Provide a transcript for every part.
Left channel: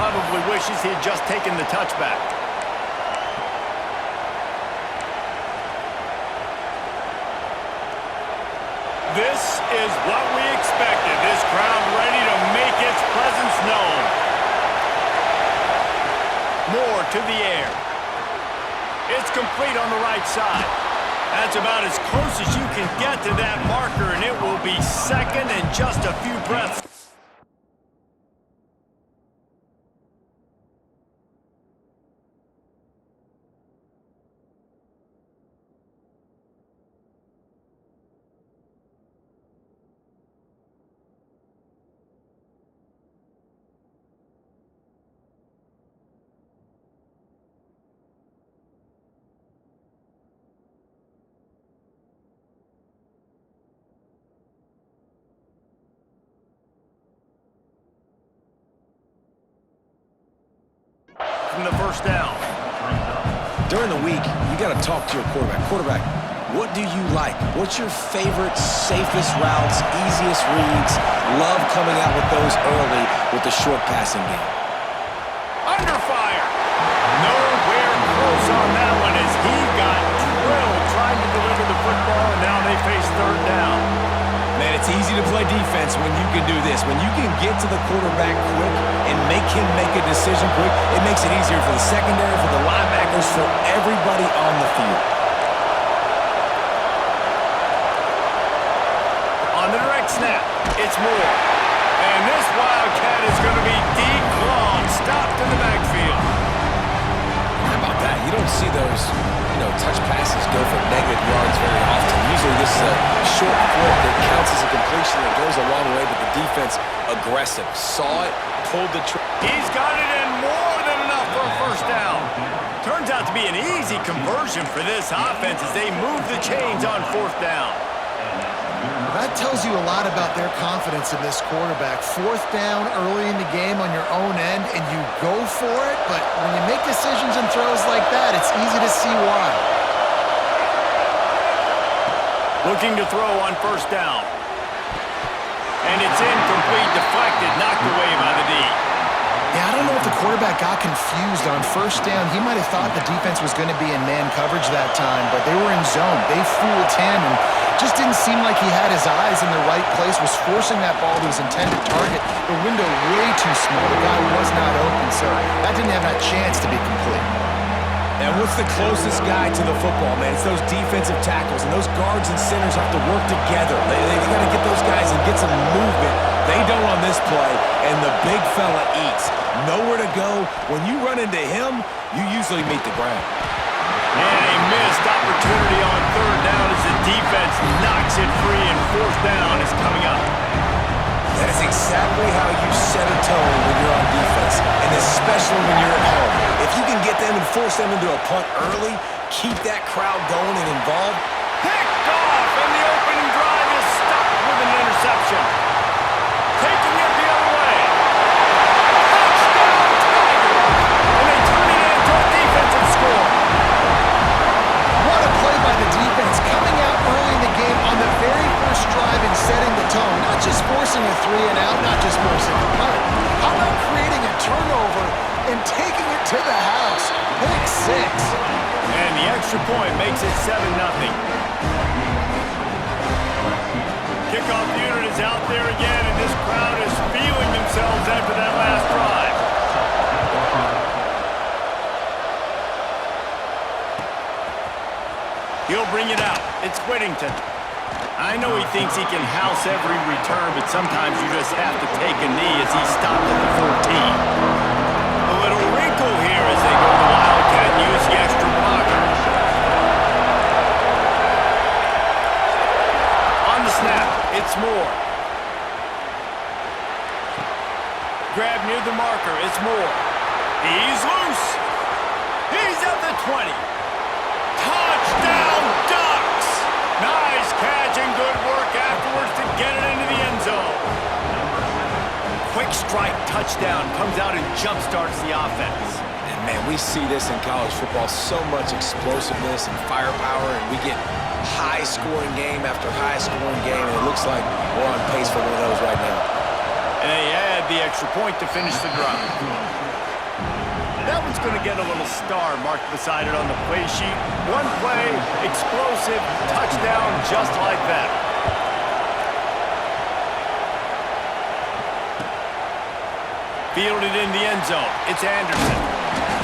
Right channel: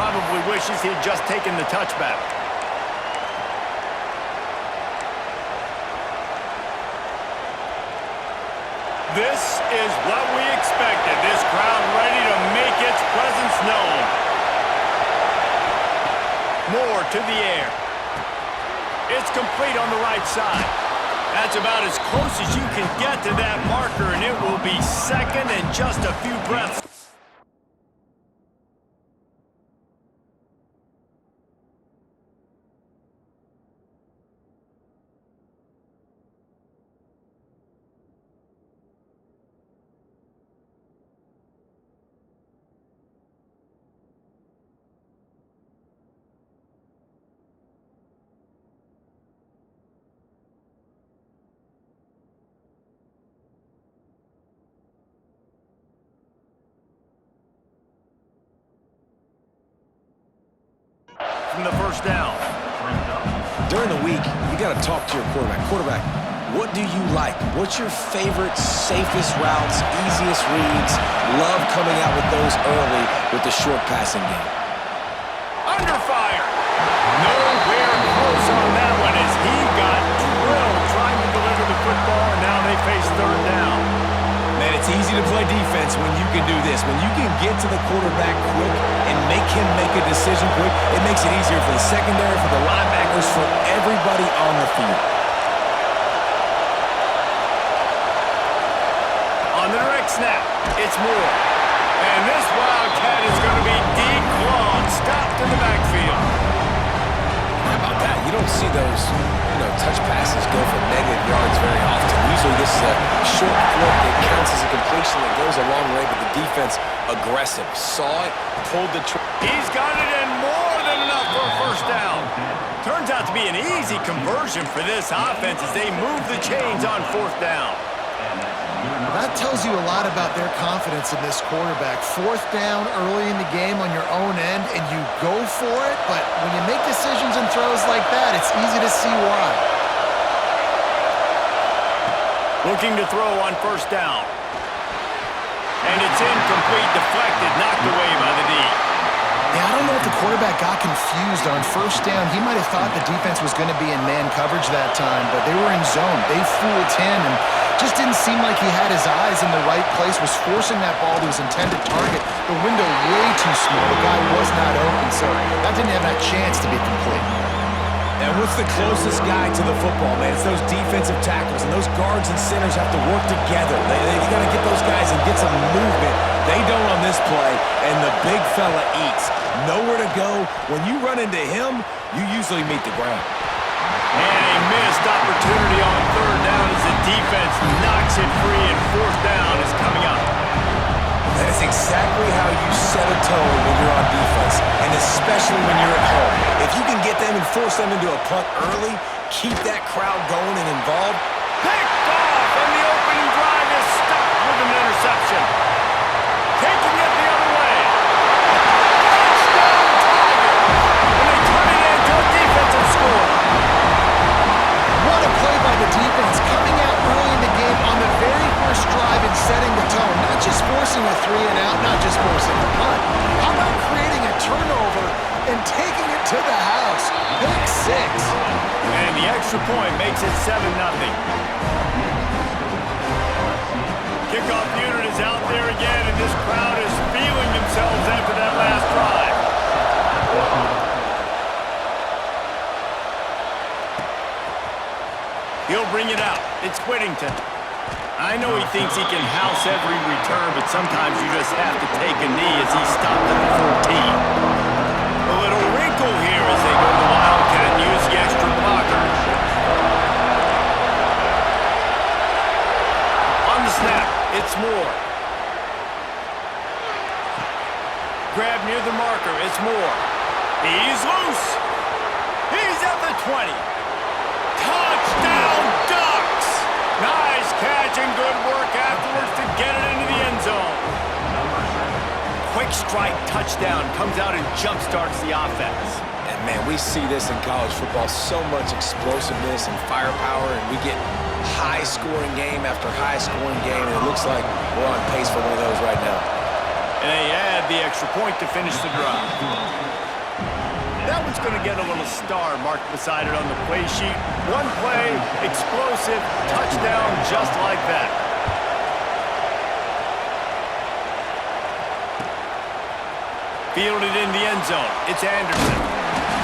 probably wishes he had just taken the touchback. This is what we expected. This crowd ready to make its presence known. Moore to the air. It's complete on the right side. That's about as close as you can get to that marker, and it will be second and just a few breaths. From the first down. During the week, you got to talk to your quarterback. Quarterback, what do you like? What's your favorite, safest routes, easiest reads? Love coming out with those early with the short passing game. Under fire. Nowhere close on that one as he got drilled trying to deliver the football, and now they face third down. Man, it's easy to play defense when you can do this. When you can get to the quarterback quick and make him make a decision quick, it makes it easier for the secondary, for the linebackers, for everybody on the field. On the direct snap, it's Moore. And this Wildcat is going to be declawed, stopped in the backfield. How about that? You don't see those, touch passes go for negative yards very often. Usually this is a short flip that counts as a completion that goes a long way, but the defense aggressive. Saw it, pulled the trigger. He's got it in more than enough for a first down. Turns out to be an easy conversion for this offense as they move the chains on fourth down. That tells you a lot about their confidence in this quarterback. Fourth down early in the game on your own end, and you go for it, but when you make decisions and throws like that, it's easy to see why. Looking to throw on first down. And it's incomplete, deflected, knocked away by the D. Yeah, I don't know if the quarterback got confused on first down. He might have thought the defense was going to be in man coverage that time, but they were in zone. They fooled him and just didn't seem like he had his eyes in the right place, was forcing that ball to his intended target. The window way too small. The guy was not open, so that didn't have that chance to be complete. And what's the closest guy to the football, man? It's those defensive tackles, and those guards and centers have to work together. They got to get those guys and get some movement. They don't on this play, and the big fella eats. Nowhere to go. When you run into him, you usually meet the ground. And a missed opportunity on third down as the defense knocks it free, and fourth down is coming up. That is exactly how you set a tone when you're on defense, and especially when you're at home. If you can get them and force them into a punt early, keep that crowd going and involved. Picked off, and the opening drive is stopped with an interception. Taking it the other way. Touchdown, Tigers! And they turn it into a defensive score. What a play by the defense, coming out early in the game on the very first drive and setting the tone. Not just forcing a 3-and-out, not just forcing a punt. How about creating a turnover and taking it to the house? Pick six. And the extra point makes it 7-0. Kickoff unit is out there again, and this crowd is feeling themselves after that last drive. He'll bring it out. It's Whittington. I know he thinks he can house every return, but sometimes you just have to take a knee as he stopped at the 14. A little wrinkle here as they go to the Wildcat and use the extra blocker. On the snap, it's Moore. Grab near the marker, it's Moore. He's loose. He's at the 20. Touchdown, Ducks! Nice catch and good work afterwards to get it into the end zone. Quick strike touchdown comes out and jump-starts the offense. And, man, we see this in college football, so much explosiveness and firepower, and we get high-scoring game after high-scoring game, and it looks like we're on pace for one of those right now. And they add the extra point to finish the drive. That one's going to get a little star marked beside it on the play sheet. One play, explosive, touchdown, just like that. Fielded in the end zone. It's Anderson.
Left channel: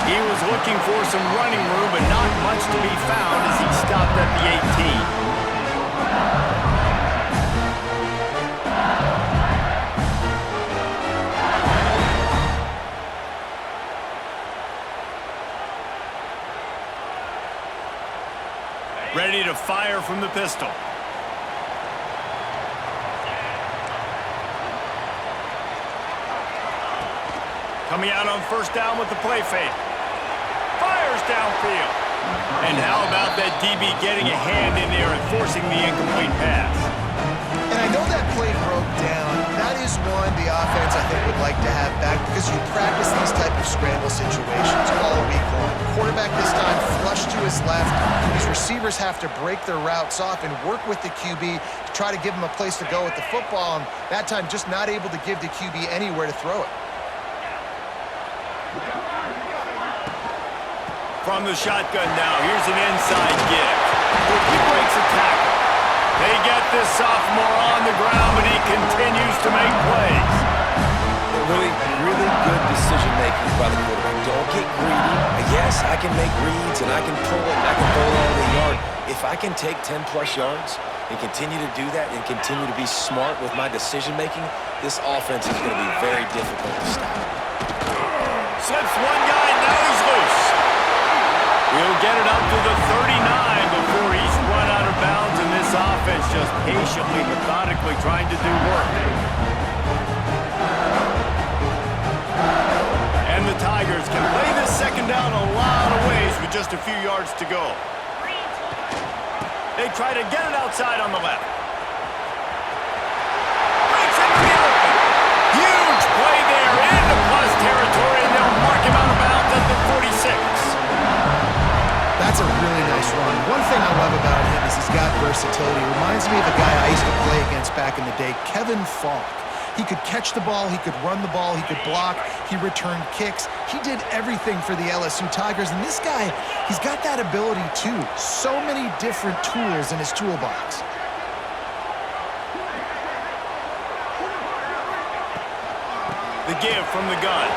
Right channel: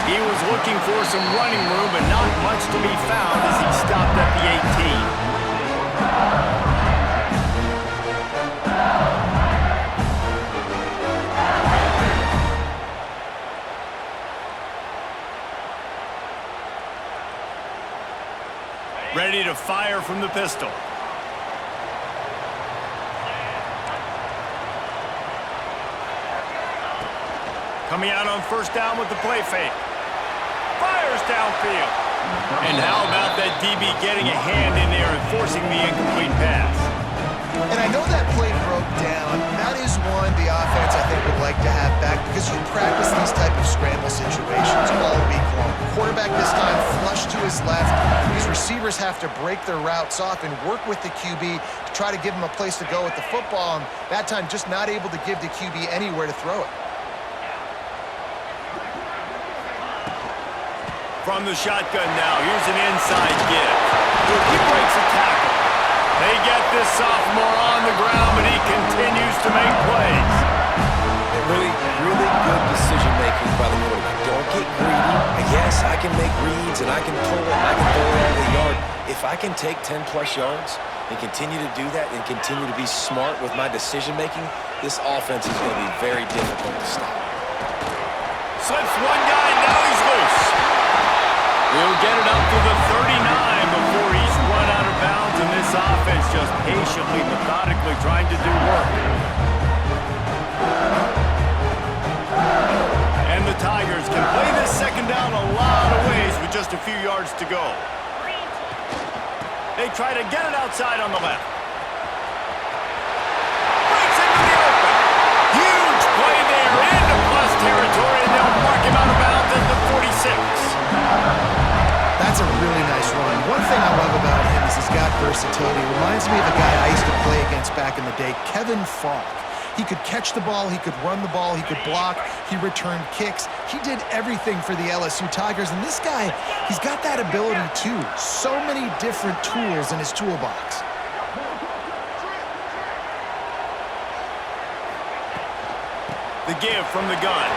He was looking for some running room, but not much to be found as he stopped at the 18. Ready to fire from the pistol. Coming out on first down with the play fake. Fires downfield. And how about that DB getting a hand in there and forcing the incomplete pass? And I know that play broke down. That is one the offense, I think, would like to have back because you practice these type of scramble situations all week long. Quarterback this time flush to his left. These receivers have to break their routes off and work with the QB to try to give him a place to go with the football. And that time, just not able to give the QB anywhere to throw it. From the shotgun now, here's an inside give. He breaks a tackle. They get this sophomore on the ground, but he continues to make plays. Really good decision-making by the quarterback. Don't get greedy. Yes, I can make reads, and I can pull it, and I can throw it all the yard. If I can take 10-plus yards and continue to do that and continue to be smart with my decision-making, this offense is going to be very difficult to stop. Slips one guy, now he's loose. He'll get it up to the 39 before he's run out of bounds, and this offense just patiently, methodically trying to do work. And the Tigers can play this second down a lot of ways with just a few yards to go. They try to get it outside on the left. Breaks into the open. Huge play there into plus territory, and they'll mark him out of bounds at the 46. That's a really nice run. One thing I love about him is he's got versatility. Reminds me of a guy I used to play against back in the day, Kevin Falk. He could catch the ball, he could run the ball, he could block, he returned kicks. He did everything for the LSU Tigers, and this guy, he's got that ability too. So many different tools in his toolbox. The give from the gun.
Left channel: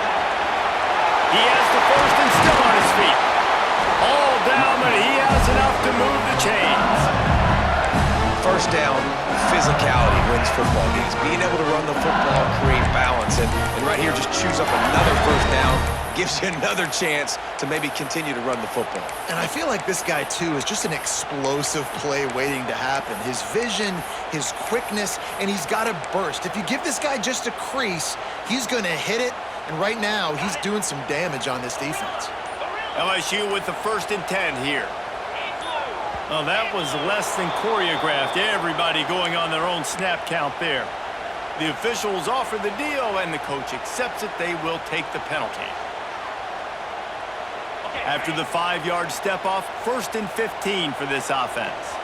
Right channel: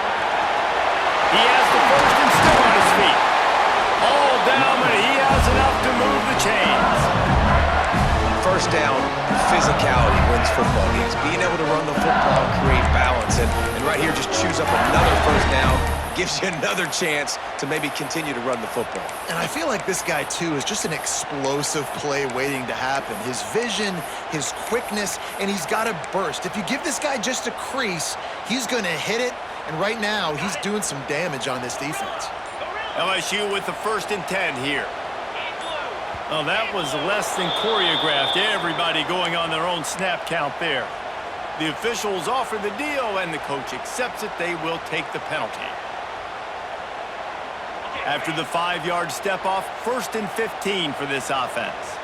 He has the first and still on his feet. All down, but he has enough to move the chains. First down, physicality wins football games. Being able to run the football, create balance, and right here just choose up another first down, gives you another chance to maybe continue to run the football. And I feel like this guy, too, is just an explosive play waiting to happen. His vision, his quickness, and he's got a burst. If you give this guy just a crease, he's going to hit it, and right now he's doing some damage on this defense. LSU with the 1st and 10 here. Well, that was less than choreographed. Everybody going on their own snap count there. The officials offer the deal, and the coach accepts it. They will take the penalty. After the 5-yard step off, 1st and 15 for this offense.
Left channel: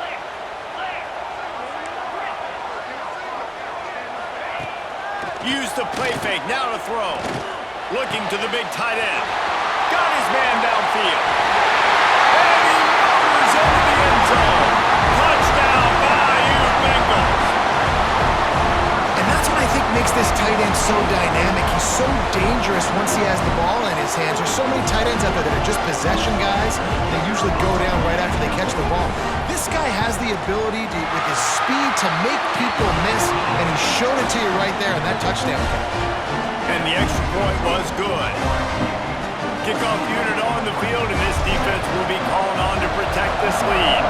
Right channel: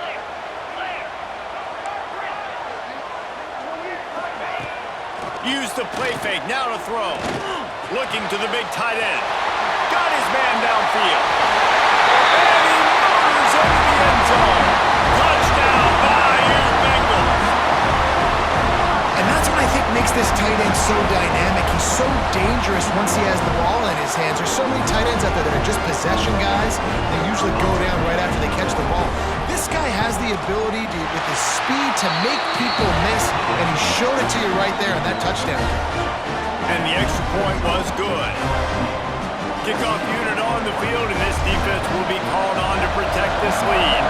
Use the play fake, now to throw. Looking to the big tight end. Got his man downfield. And he motors into the end zone. Touchdown, Bayou Bengals. And that's what I think makes this tight end so dynamic. He's so dangerous once he has the ball in his hands. There's so many tight ends out there that are just possession guys. They usually go down right after they catch the ball. This guy has the ability to, with his speed, to make people miss, and he showed it to you right there in that touchdown catch. And the extra point was good. Kickoff unit on the field, and this defense will be called on to protect this lead.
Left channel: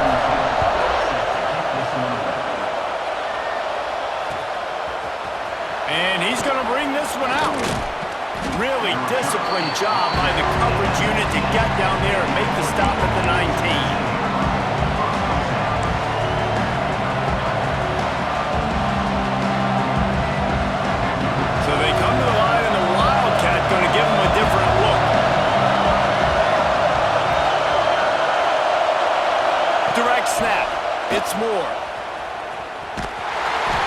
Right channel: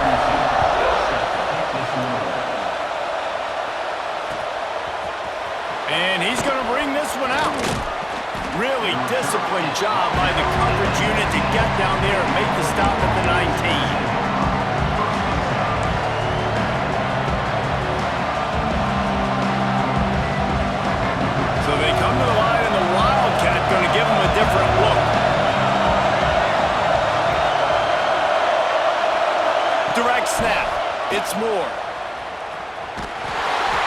And he's going to bring this one out. Really disciplined job by the coverage unit to get down there and make the stop at the 19. So they come to the line, and the Wildcat going to give them a different look. Direct snap. It's Moore.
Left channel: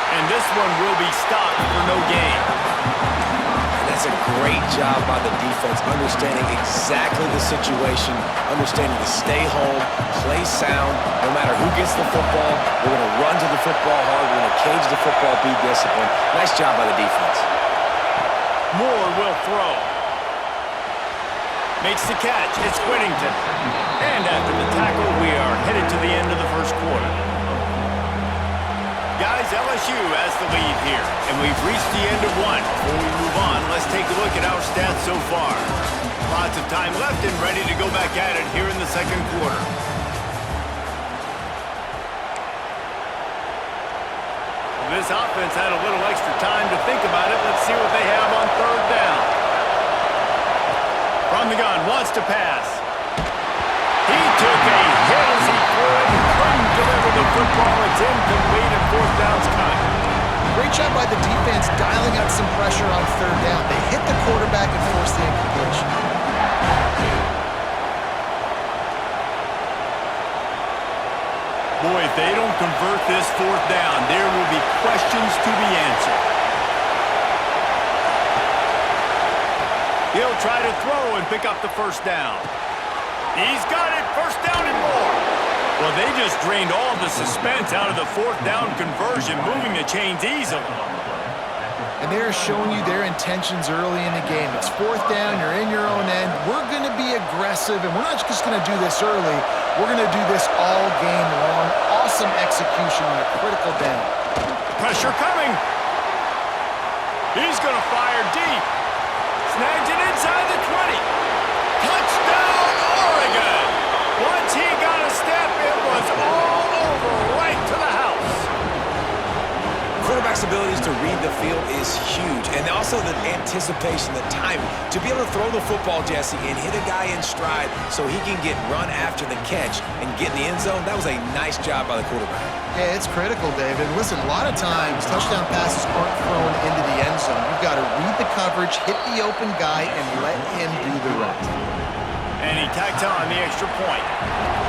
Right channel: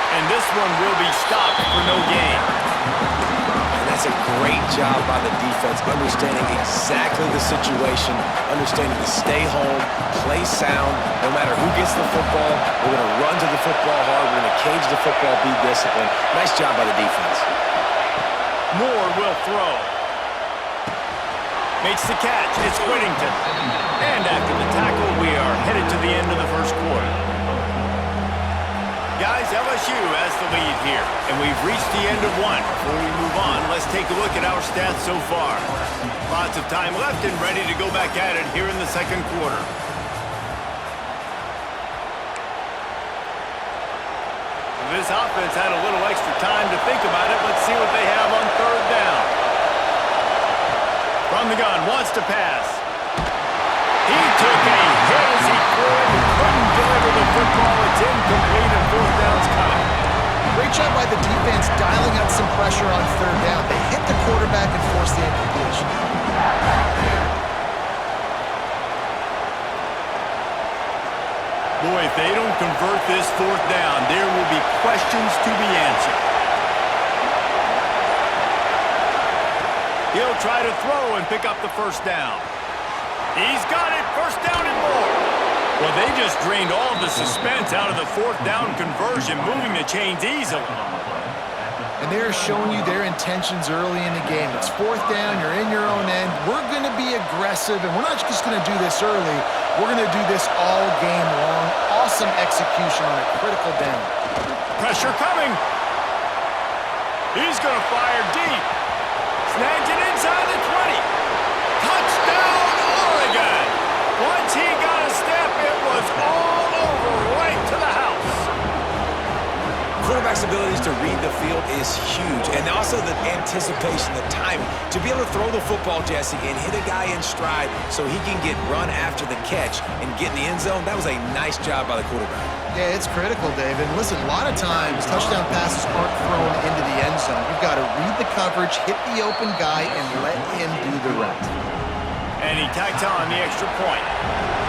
And this one will be stopped for no gain. And That's a great job by the defense, understanding exactly the situation, understanding to stay home, play sound. No matter who gets the football, we're going to run to the football hard. We're going to cage the football, be disciplined. Nice job by the defense. Moore will throw. Makes the catch. It's Whittington. And after the tackle, we are headed to the end of the first quarter. Guys, LSU has the lead here, and we've reached the end of one. Before we move on, let's take a look at our stats so far. Lots of time left and ready to go back at it here in the second quarter. This offense had a little extra time to think about it. Let's see what they have on third down. From the gun, wants to pass. He took a hit as he threw it and couldn't deliver the football. It's incomplete and fourth down's coming. Great job by the defense dialing out some pressure on third down. They hit the quarterback and forced the incompletion. Boy, if they don't convert this fourth down, there will be questions to be answered. He'll try to throw and pick up the first down. He's got it, first down and more. Well, they just drained all the suspense out of the fourth down conversion, moving the chains easily. And they're showing you their intentions early in the game. It's fourth down, you're in your own end. We're going to be aggressive, and we're not just going to do this early. We're going to do this all game long. Awesome execution on a critical down. Pressure coming. He's going to fire deep. Snags it inside the 20. Touchdown, Oregon! Once he got a step, it was all over, right to the house. Quarterback's abilities to read the field is huge, and also the anticipation, the timing. To be able to throw the football, Jesse, and hit a guy in stride so he can get run after the catch and get in the end zone, that was a nice job by the quarterback. Yeah, it's critical, David. Listen, a lot of times touchdown passes aren't thrown into the end zone. You've got to read the coverage, hit the open guy, and let him do the rest. And he tacks on the extra point.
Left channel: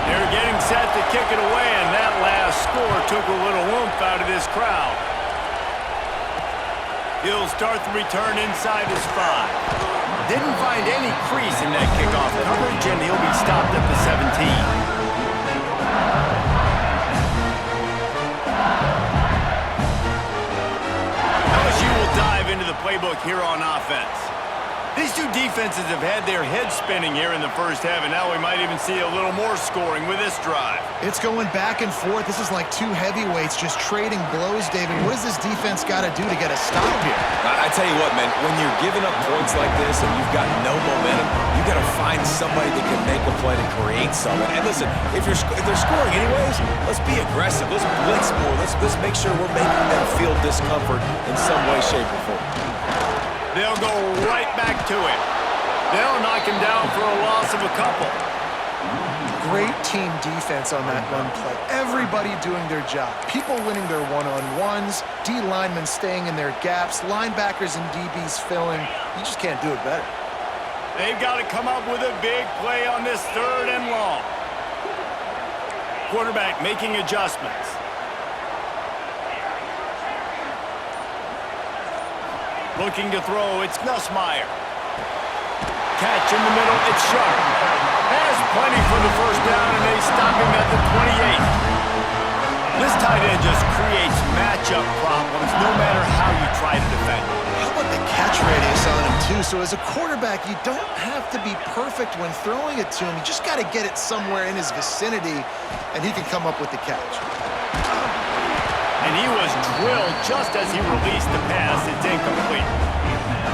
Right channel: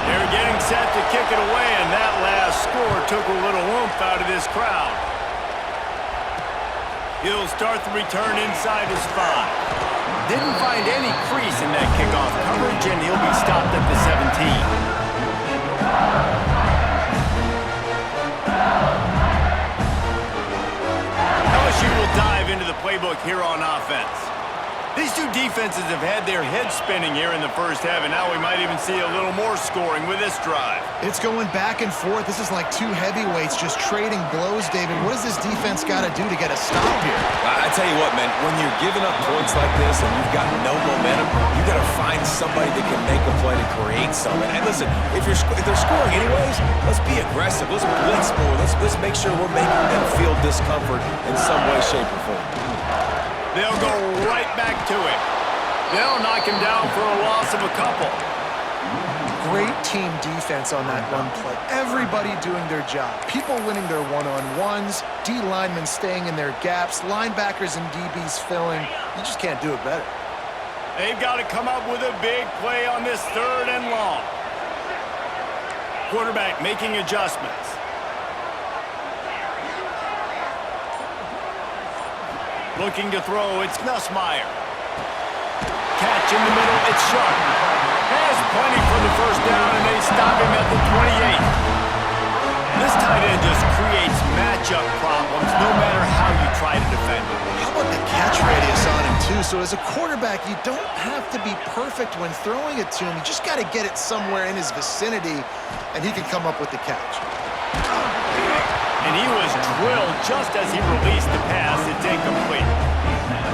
They're getting set to kick it away, and that last score took a little oomph out of this crowd. He'll start the return inside his 5. Didn't find any crease in that kickoff coverage, and he'll be stopped at the 17. LSU will dive into the playbook here on offense. These two defenses have had their heads spinning here in the first half, and now we might even see a little more scoring with this drive. It's going back and forth. This is like two heavyweights just trading blows, David. What does this defense got to do to get a stop here? I tell you what, man, when you're giving up points like this and you've got no momentum, you got to find somebody that can make a play to create something. And listen, if they're scoring anyways, let's be aggressive. Let's blitz more. Let's make sure we're making them feel discomfort in some way, shape, or form. They'll go right back to him. They'll knock him down for a loss of a couple. Great team defense on that run play. Everybody doing their job. People winning their one-on-ones, D linemen staying in their gaps, linebackers and DBs filling. You just can't do it better. They've got to come up with a big play on this third and long. Quarterback making adjustments. Looking to throw, it's Nussmeier. Catch in the middle, it's Sharp. Has plenty for the first down, and they stop him at the 28. This tight end just creates matchup problems no matter how you try to defend him. How about the catch radius on him, too? So as a quarterback, you don't have to be perfect when throwing it to him. You just got to get it somewhere in his vicinity, and he can come up with the catch. And he was drilled just as he released the pass. It's incomplete.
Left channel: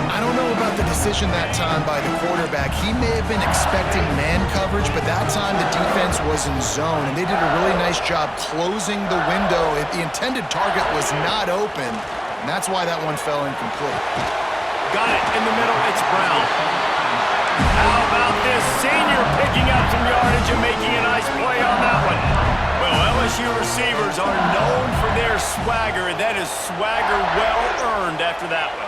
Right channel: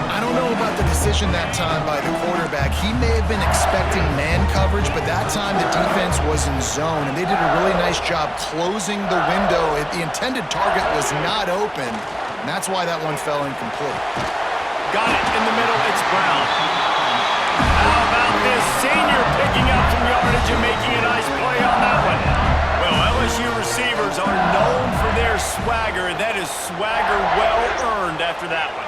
I don't know about the decision that time by the quarterback. He may have been expecting man coverage, but that time the defense was in zone, and they did a really nice job closing the window. The intended target was not open, and that's why that one fell incomplete. Got it in the middle. It's Brown. How about this senior picking up some yardage and making a nice play on that one? Well, LSU receivers are known for their swagger, and that is swagger well earned after that one.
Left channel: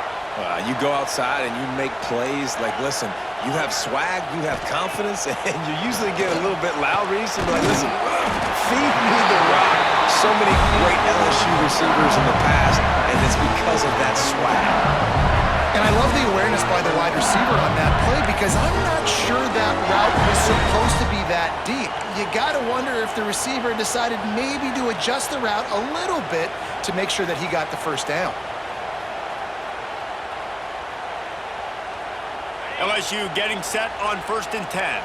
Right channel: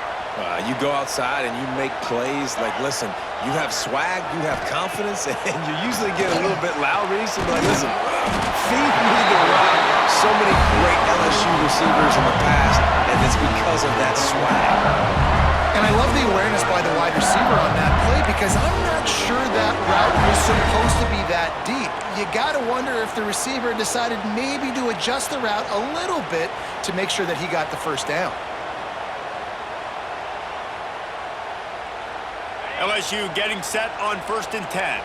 You go outside and you make plays. Like, listen, you have swag, you have confidence, and you usually get a little bit loud. Reese, and like, listen, feed me the rock. So many great LSU receivers in the past, and it's because of that swag. And I love the awareness by the wide receiver on that play because I'm not sure that route was supposed to be that deep. You got to wonder if the receiver decided maybe to adjust the route a little bit to make sure that he got the first down. LSU getting set on 1st and 10.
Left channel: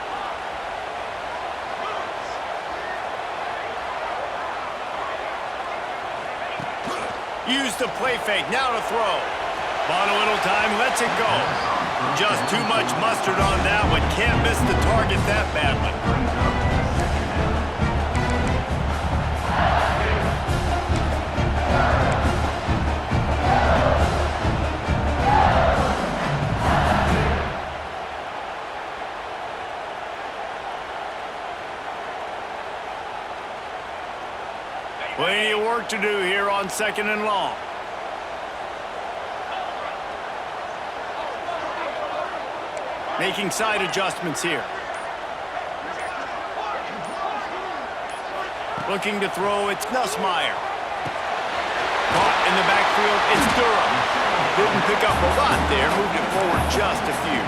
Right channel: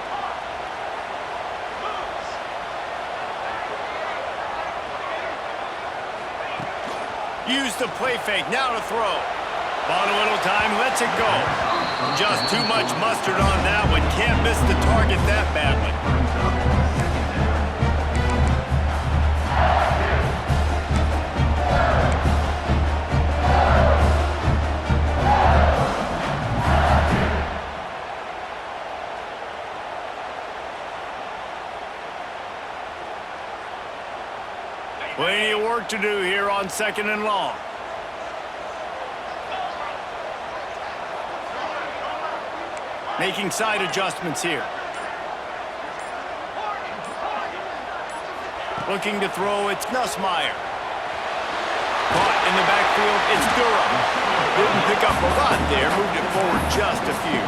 Use the play fake, now to throw. Bought a little time, lets it go. Just too much mustard on that one. Can't miss the target that badly. Plenty of work to do here on 2nd and long. Making side adjustments here. Looking to throw, it's Nussmeier. Caught in the backfield, it's Durham. Didn't pick up a lot there, moved it forward just a few.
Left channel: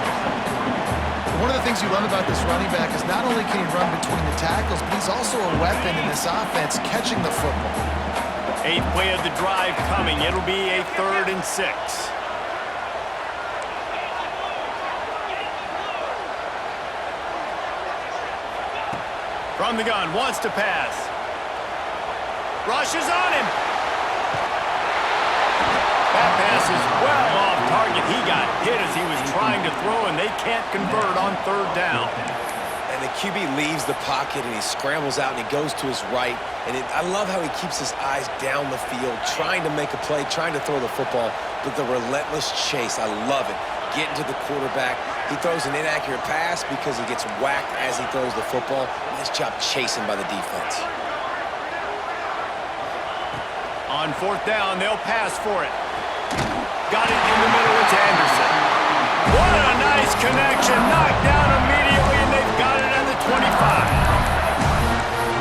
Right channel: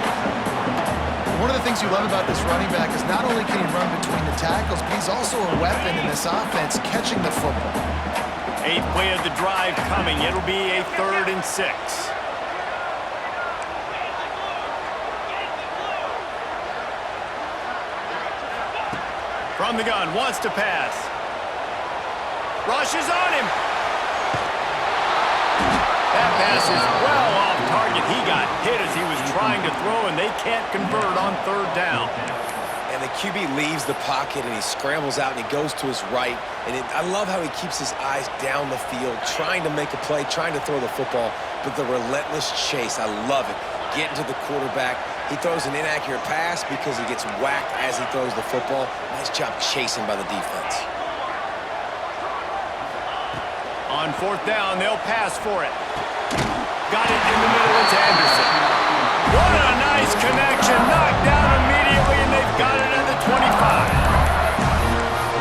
One of the things you love about this running back is not only can he run between the tackles, but he's also a weapon in this offense catching the football. 8th play of the drive coming. It'll be a 3rd and 6. From the gun, wants to pass. Rushes on him. That pass is well off target. He got hit as he was trying to throw, and they can't convert on 3rd down. And the QB leaves the pocket, and he scrambles out, and he goes to his right. And I love how he keeps his eyes down the field, trying to make a play, trying to throw the football, but the relentless chase, I love it. Getting to the quarterback. He throws an inaccurate pass because he gets whacked as he throws the football. Nice job chasing by the defense. On 4th down, they'll pass for it. Got it in the middle, it's Anderson. What a nice connection. Knocked down immediately, and they've got it at the 25.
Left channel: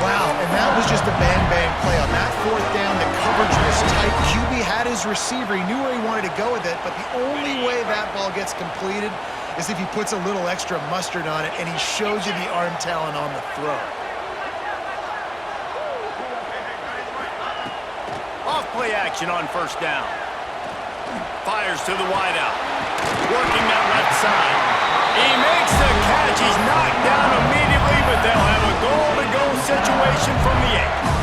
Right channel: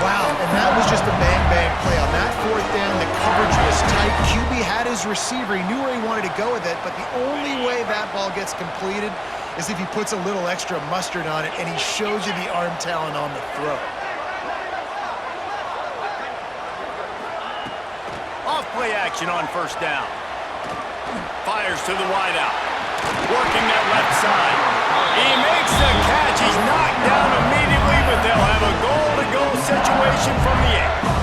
Wow, and that was just a bang-bang play. On that 4th down, the coverage was tight. QB had his receiver. He knew where he wanted to go with it, but the only way that ball gets completed is if he puts a little extra mustard on it, and he shows you the arm talent on the throw. Off play action on 1st down. Fires to the wideout. Working that left side. He makes the catch. He's knocked down immediately, but they'll have a goal-to-go situation from the 8.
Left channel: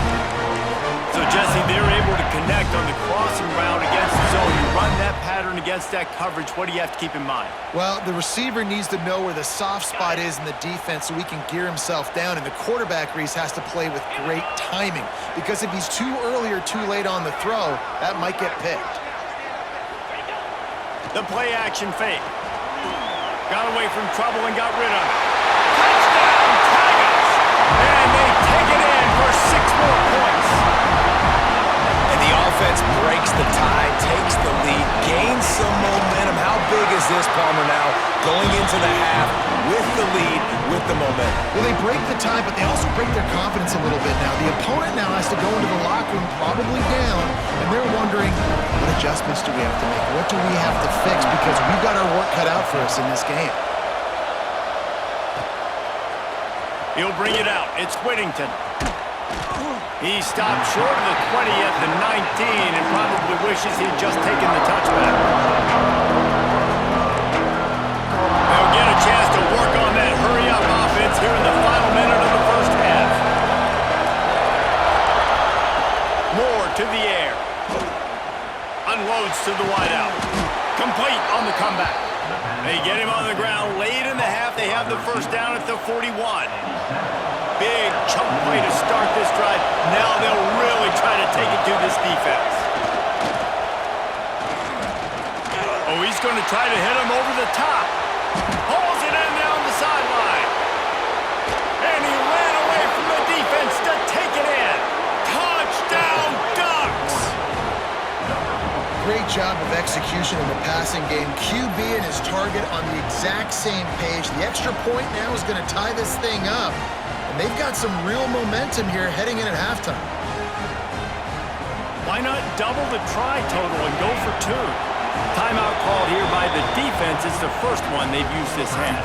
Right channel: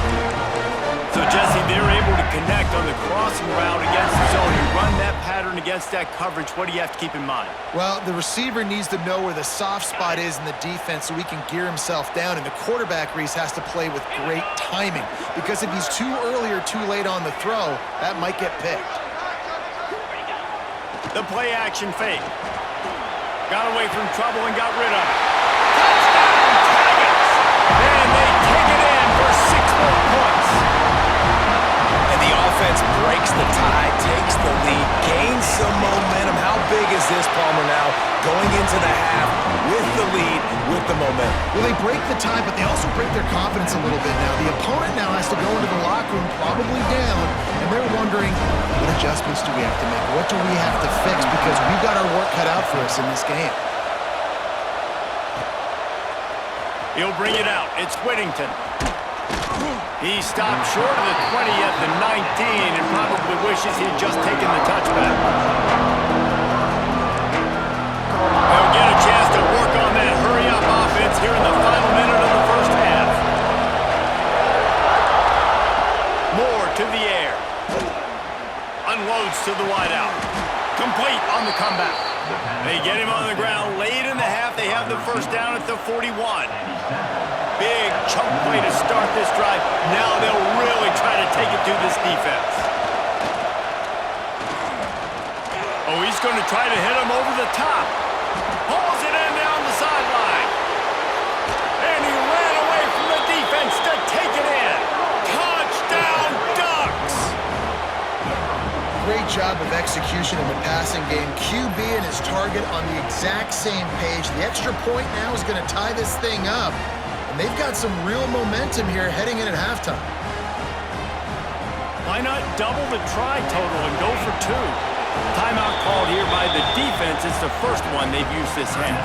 So, Jesse, they're able to connect on the crossing route against the zone. You run that pattern against that coverage. What do you have to keep in mind? Well, the receiver needs to know where the soft spot is in the defense so he can gear himself down, and the quarterback, Reese, has to play with great timing because if he's too early or too late on the throw, that might get picked. The play action fake. Got away from trouble and got rid of it. Touchdown, Tigers! And they take it in for 6 more points. And the offense breaks the tie, takes the lead, gains some momentum. How big is this, Palmer, now going into the half with the lead, with the momentum? Well, they break the tie, but they also break their confidence a little bit now. The opponent now has to go into the locker room probably down, and they're wondering, what adjustments do we have to make? What do we have to fix? Because we've got our work cut out for us in this game. He'll bring it out. It's Whittington. He stopped short of the 20 at the 19 and probably wishes he'd just taken the touchback. They'll get a chance to work on that hurry-up offense here in the final minute of the 1st half. Moore to the air. Unloads to the wideout. Complete on the comeback. They get him on the ground late in the half. They have the 1st down at the 41. Big chunk play to start this drive. Now they'll really try to take it to this defense. Oh, he's going to try to hit him over the top. Hauls it in down the sideline. And he ran away from the defense to take it in. Touchdown, Ducks! Great job of execution in the passing game. QB and his target on the exact same page. The extra point now is going to tie this thing up. And they've got some real momentum here heading in at halftime. Why not double the try total and go for 2? Timeout called here by the defense. It's the first one they've used this half.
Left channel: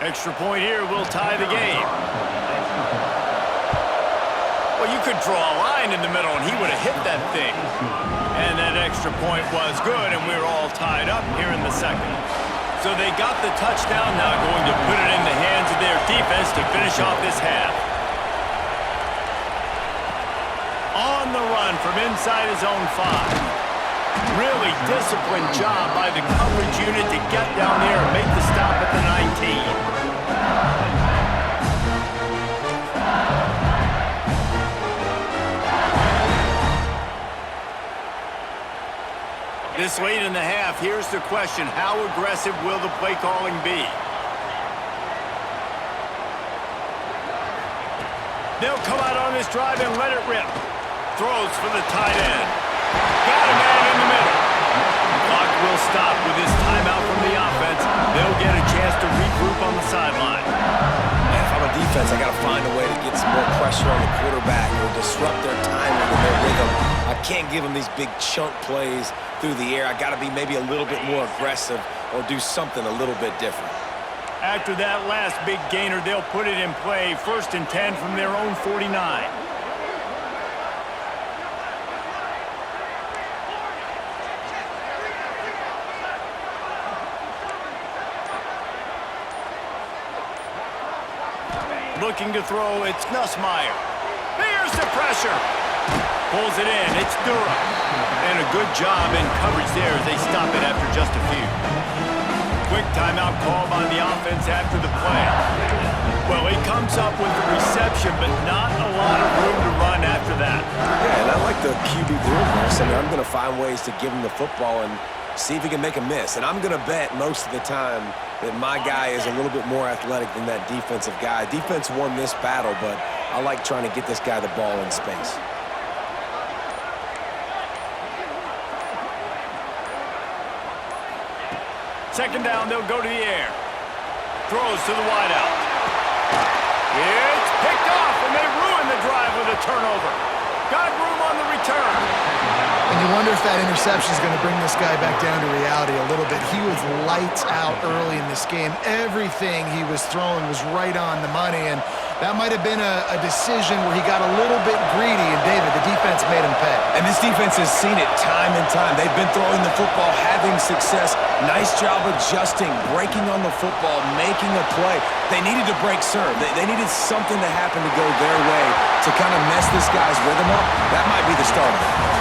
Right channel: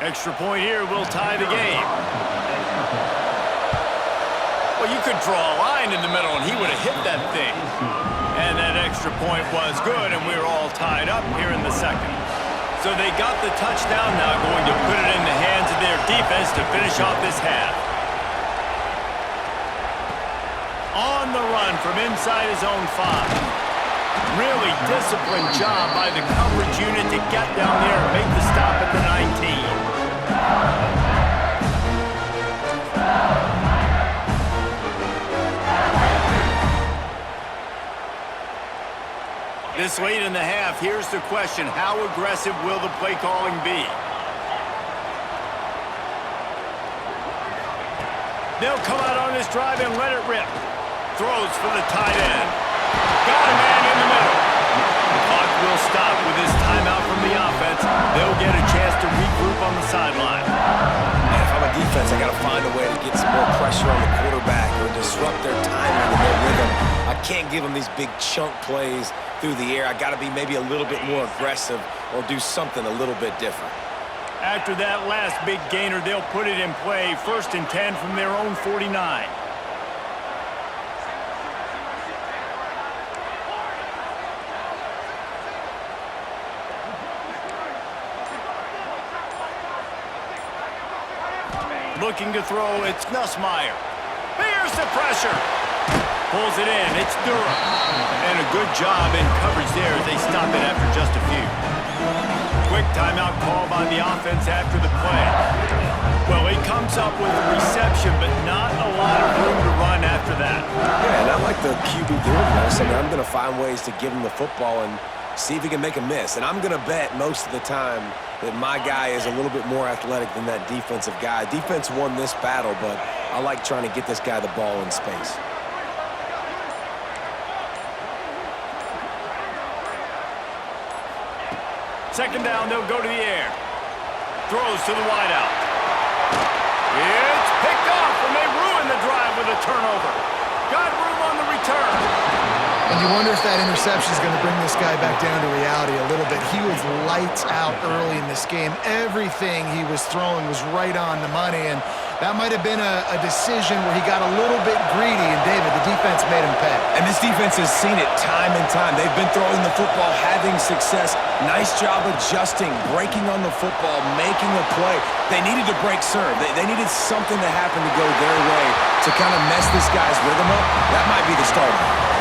Extra point here will tie the game. Well, you could draw a line in the middle, and he would have hit that thing. And that extra point was good, and we're all tied up here in the second. So they got the touchdown, now going to put it in the hands of their defense to finish off this half. On the run from inside his own 5. Really disciplined job by the coverage unit to get down there and make the stop at the 19. This late in the half, here's the question: how aggressive will the play calling be? They'll come out on this drive and let it rip. Throws for the tight end. Got a man in the middle. The clock will stop with this timeout from the offense. They'll get a chance to regroup on the sideline. Man, if I'm a defense, I got to find a way to get some more pressure on the quarterback or disrupt their timing and their rhythm. I can't give them these big chunk plays through the air. I got to be maybe a little bit more aggressive or do something a little bit different. After that last big gainer, they'll put it in play. 1st and 10 from their own 49. Looking to throw, it's Nussmeier. Here's the pressure. Pulls it in, it's Durham. And a good job in coverage there as they stop it after just a few. Quick timeout call by the offense after the play. Well, he comes up with the reception, but not a lot of room to run after that. Yeah, and I like the QB doing this. I mean, I'm going to find ways to give him the football and see if he can make a miss. And I'm going to bet most of the time that my guy is a little bit more athletic than that defensive guy. Defense won this battle, but I like trying to get this guy the ball in space. Second down, they'll go to the air. Throws to the wideout. It's picked off, and they ruin the drive with a turnover. Got room on the return. And you wonder if that interception is going to bring this guy back down to reality a little bit. He was lights out early in this game. Everything he was throwing was right on the money, and that might have been a decision where he got a little bit greedy, and David, the defense made him pay. And this defense has seen it time and time. They've been throwing the football, having success. Nice job adjusting, breaking on the football, making a play. They needed to break serve. They needed something to happen to go their way to kind of mess this guy's rhythm up. That might be the start of it.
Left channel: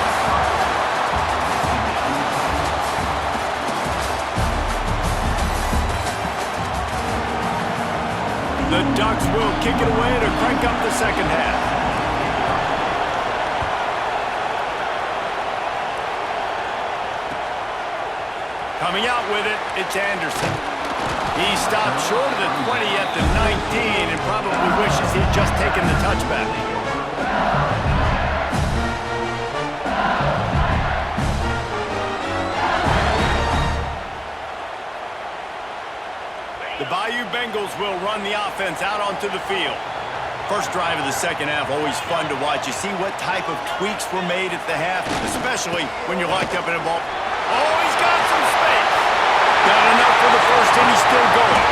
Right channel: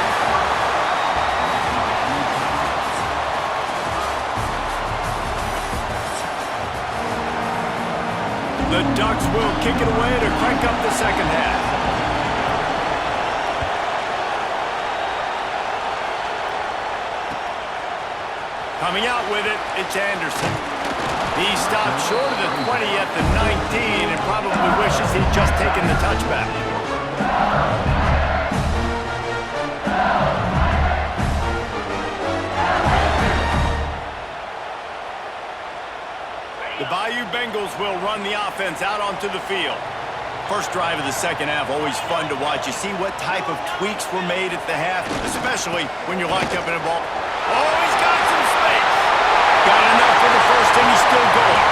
The Ducks will kick it away to crank up the second half. Coming out with it, it's Anderson. He stopped short of the 20 at the 19 and probably wishes he'd just taken the touchback. The Bayou Bengals will run the offense out onto the field. First drive of the second half, always fun to watch. You see what type of tweaks were made at the half, especially when you're locked up in a ball. Oh, he's got some space. Got enough for the first, and he's still going.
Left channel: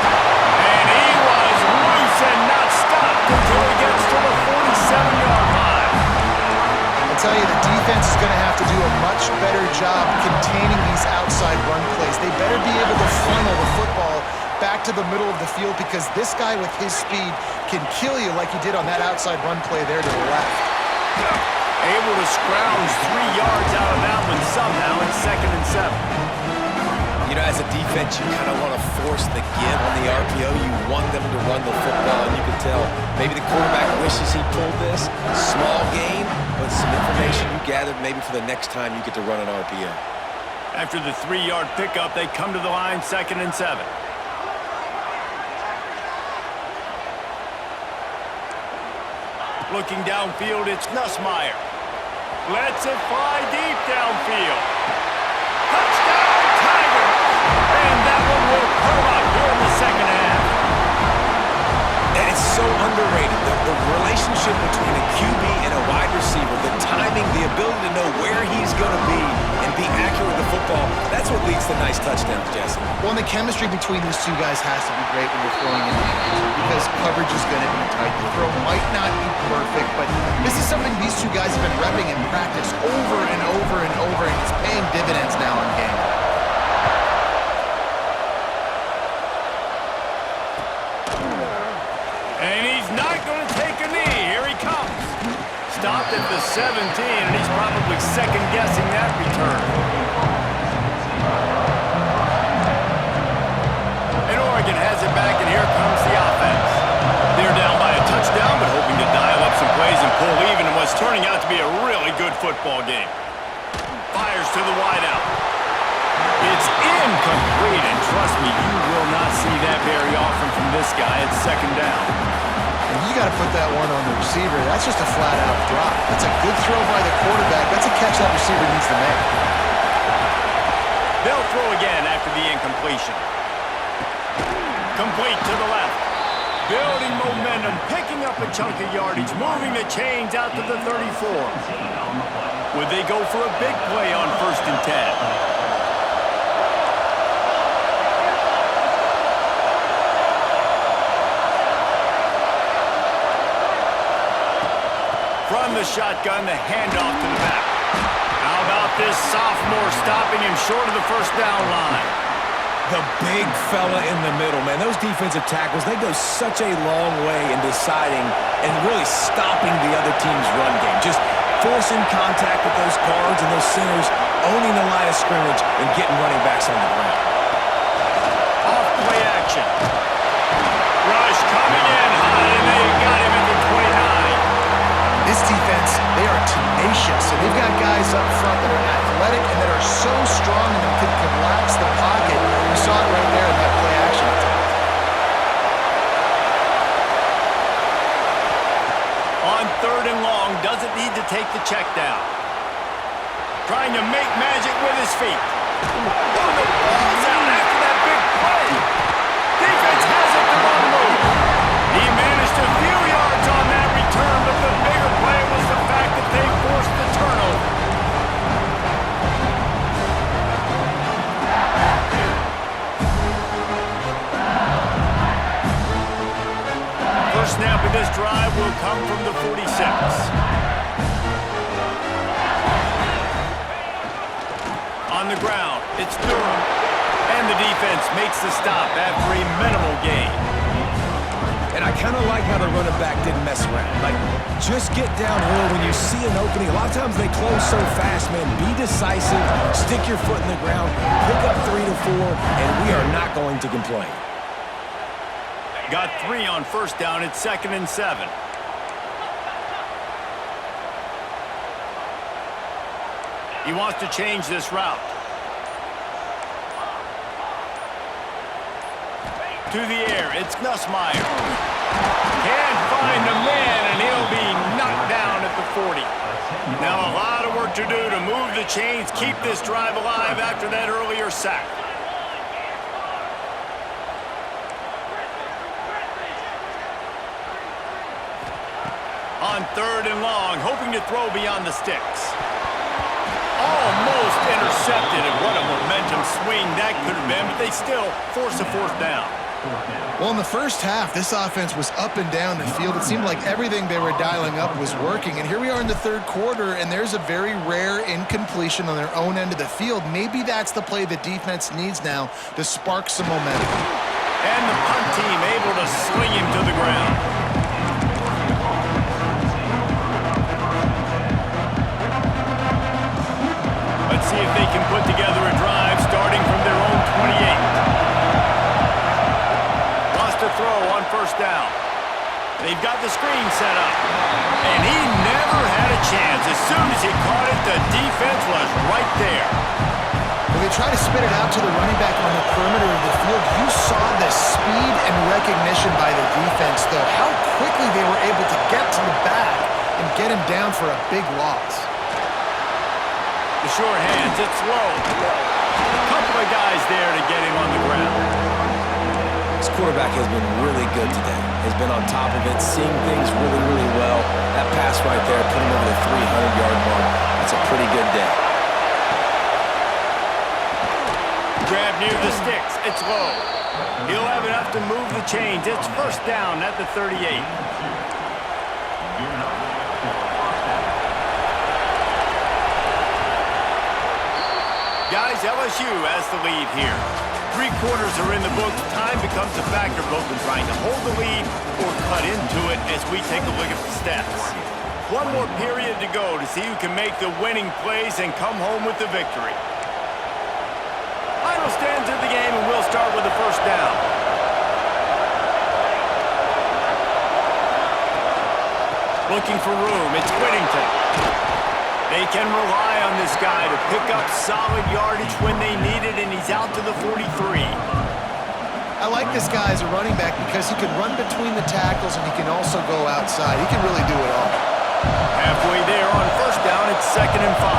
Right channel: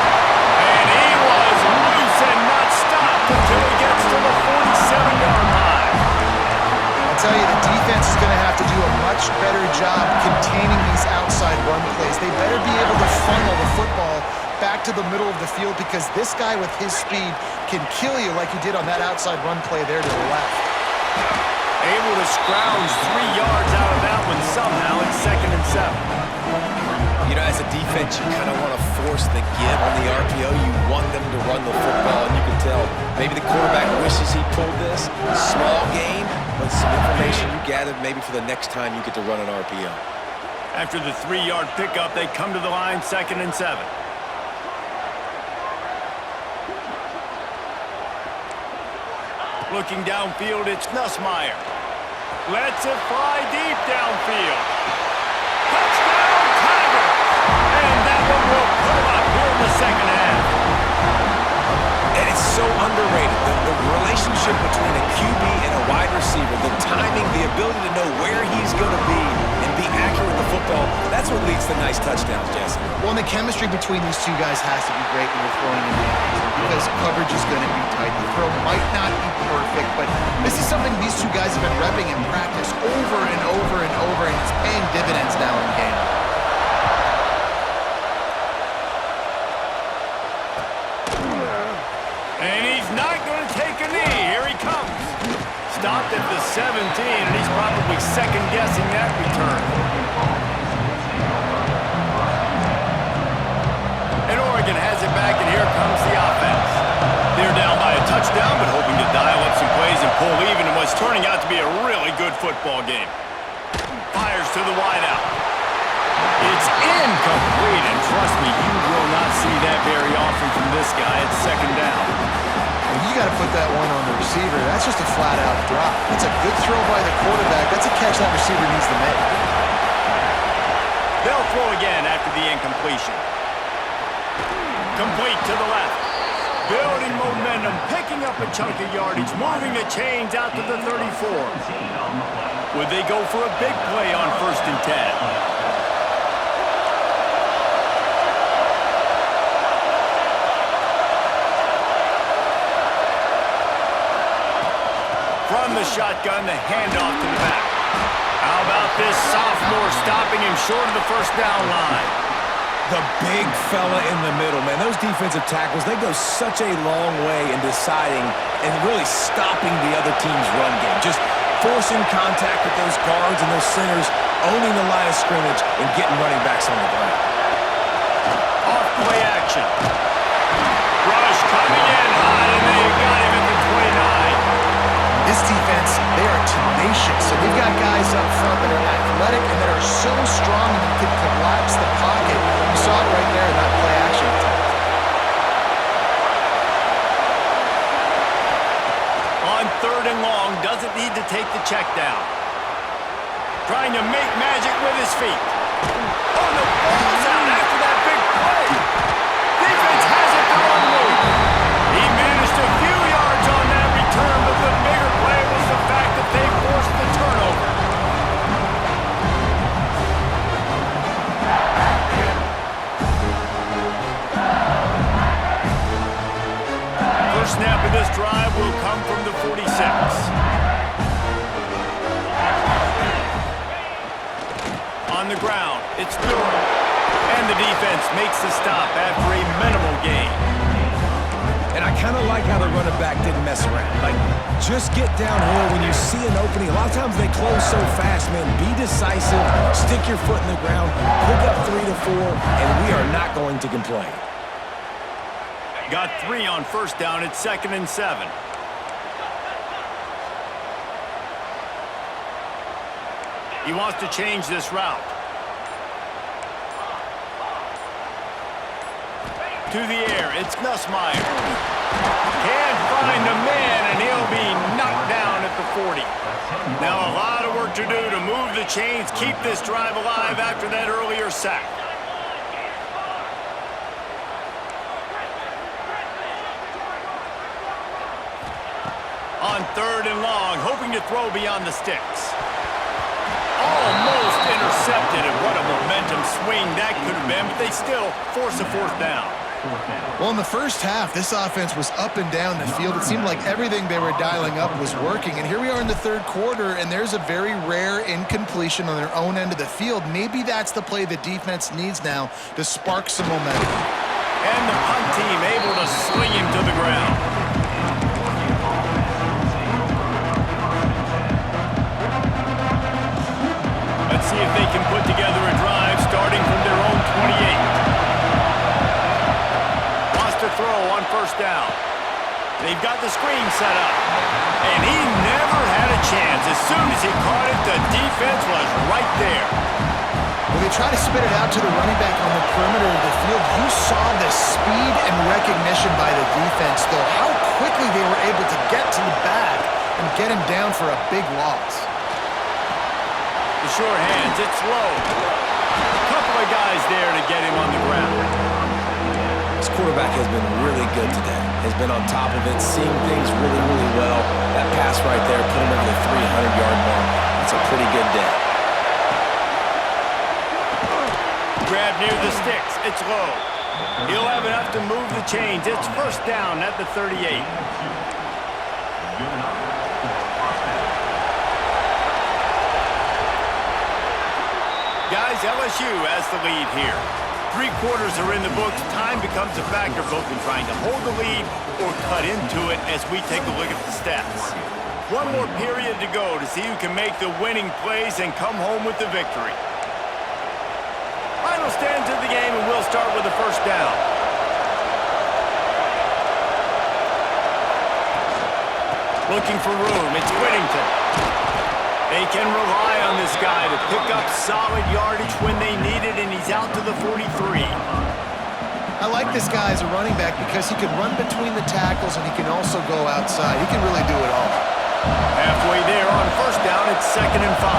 And he was loose and not stopped until he gets to the 47-yard line. I'll tell you, the defense is going to have to do a much better job containing these outside run plays. They better be able to funnel the football back to the middle of the field because this guy with his speed can kill you like he did on that outside run play there to the left. Able to scrounge 3 yards out of that one somehow. It's 2nd and 7. You know, as a defense, you kind of want to force the give on the RPO. You want them to run the football, and you can tell maybe the quarterback wishes he pulled this. Small gain, but some information you gathered maybe for the next time you get to run an RPO. After the 3-yard pickup, they come to the line, 2nd and 7. Looking downfield, it's Nussmeier. Lets it fly deep downfield. Touchdown, Tigers! And that one will put them up here in the second half. And it's so underrated. The relationship between a QB and a wide receiver, the timing, the ability to know where he's going to be and be accurate with the football, that's what leads to nice touchdowns, Jesse. Well, and the chemistry between these two guys has to be great when you're throwing in the end zone because coverage is going to be tight. The throw might not be perfect, but this is something these two guys have been repping in practice over and over and over, and it's paying dividends now in game. And he's not going to take a knee. Here he comes. Stopped at the 17, and he's probably second-guessing that return. And Oregon has it back, and here comes the offense. They're down by a touchdown, but hoping to dial up some plays and pull even in what's turning out to be a really good football game. Fires to the wideout. It's incomplete, and trust me, you will not see that very often from this guy. It's second down. And you got to put that one on the receiver. That's just a flat-out drop. That's a good throw by the quarterback. That's a catch that receiver needs to make. They'll throw again after the incompletion. Complete to the left. Building momentum, picking up a chunk of yardage, moving the chains out to the 34. Would they go for a big play on 1st and 10? From the shotgun, the handoff to the back. How about this sophomore stopping him short of the first down line? The big fella in the middle, man. Those defensive tackles, they go such a long way in deciding and really stopping the other team's run game. Just forcing contact with those guards and those centers, owning the line of scrimmage, and getting running backs on the ground. Off play action. Rush coming in hot, and they got him at the 29. This defense, they are tenacious, and they've got guys up front that are athletic and that are so strong and that can collapse the pocket. You saw it right there in that play action attempt. On 3rd and long, doesn't need to take the check down. Trying to make magic with his feet. Oh, the ball's out after that big play. Defense has it, they're on the move. He managed a few yards on that return, but the bigger play was the fact that they forced the turnover. First snap of this drive will come from the 46. On the ground, it's Durham. And the defense makes the stop after a minimal gain. And I kind of like how the running back didn't mess around. Like, just get downhill when you see an opening. A lot of times they close so fast, man. Be decisive, stick your foot in the ground, pick up 3 to 4, and we are not going to complain. Got 3 on first down. It's 2nd and 7. He wants to change this route. To the air, it's Nussmeier. Can't find a man, and he'll be knocked down at the 40. Now a lot of work to do to move the chains, keep this drive alive after that earlier sack. On 3rd and long, hoping to throw beyond the sticks. Almost intercepted, and what a momentum swing that could have been, but they still force a 4th down. Well, in the first half, this offense was up and down the field. It seemed like everything they were dialing up was working. And here we are in the 3rd quarter, and there's a very rare incompletion on their own end of the field. Maybe that's the play the defense needs now to spark some momentum. And the punt team able to sling him to the ground. Let's see if they can put together a drive starting from their own 28. To throw on 1st down. They've got the screen set up. And he never had a chance. As soon as he caught it, the defense was right there. When they try to spit it out to the running back on the perimeter of the field, you saw the speed and recognition by the defense, though. How quickly they were able to get to the back and get him down for a big loss. The short hands, it's low. A couple of guys there to get him on the ground. This quarterback has been really good today. Has been on top of it, seeing things really, really well. That pass right there put him over the 300-yard mark. That's a pretty good day. Grab near the sticks. It's low. He'll have enough to move the chains. It's first down at the 38. Guys, LSU has the lead here. 3 quarters are in the books. Time becomes a factor both in trying to hold the lead or cut into it as we take a look at the stats. 1 more period to go to see who can make the winning plays and come home with the victory. Final stands of the game, and we'll start with the first down. Looking for room, it's Whittington. They can rely on this guy to pick up solid yardage when they need it, and he's out to the 43. I like this guy as a running back because he can run between the tackles and he can also go outside. He can really do it all. Halfway there on first down, it's 2nd and 5.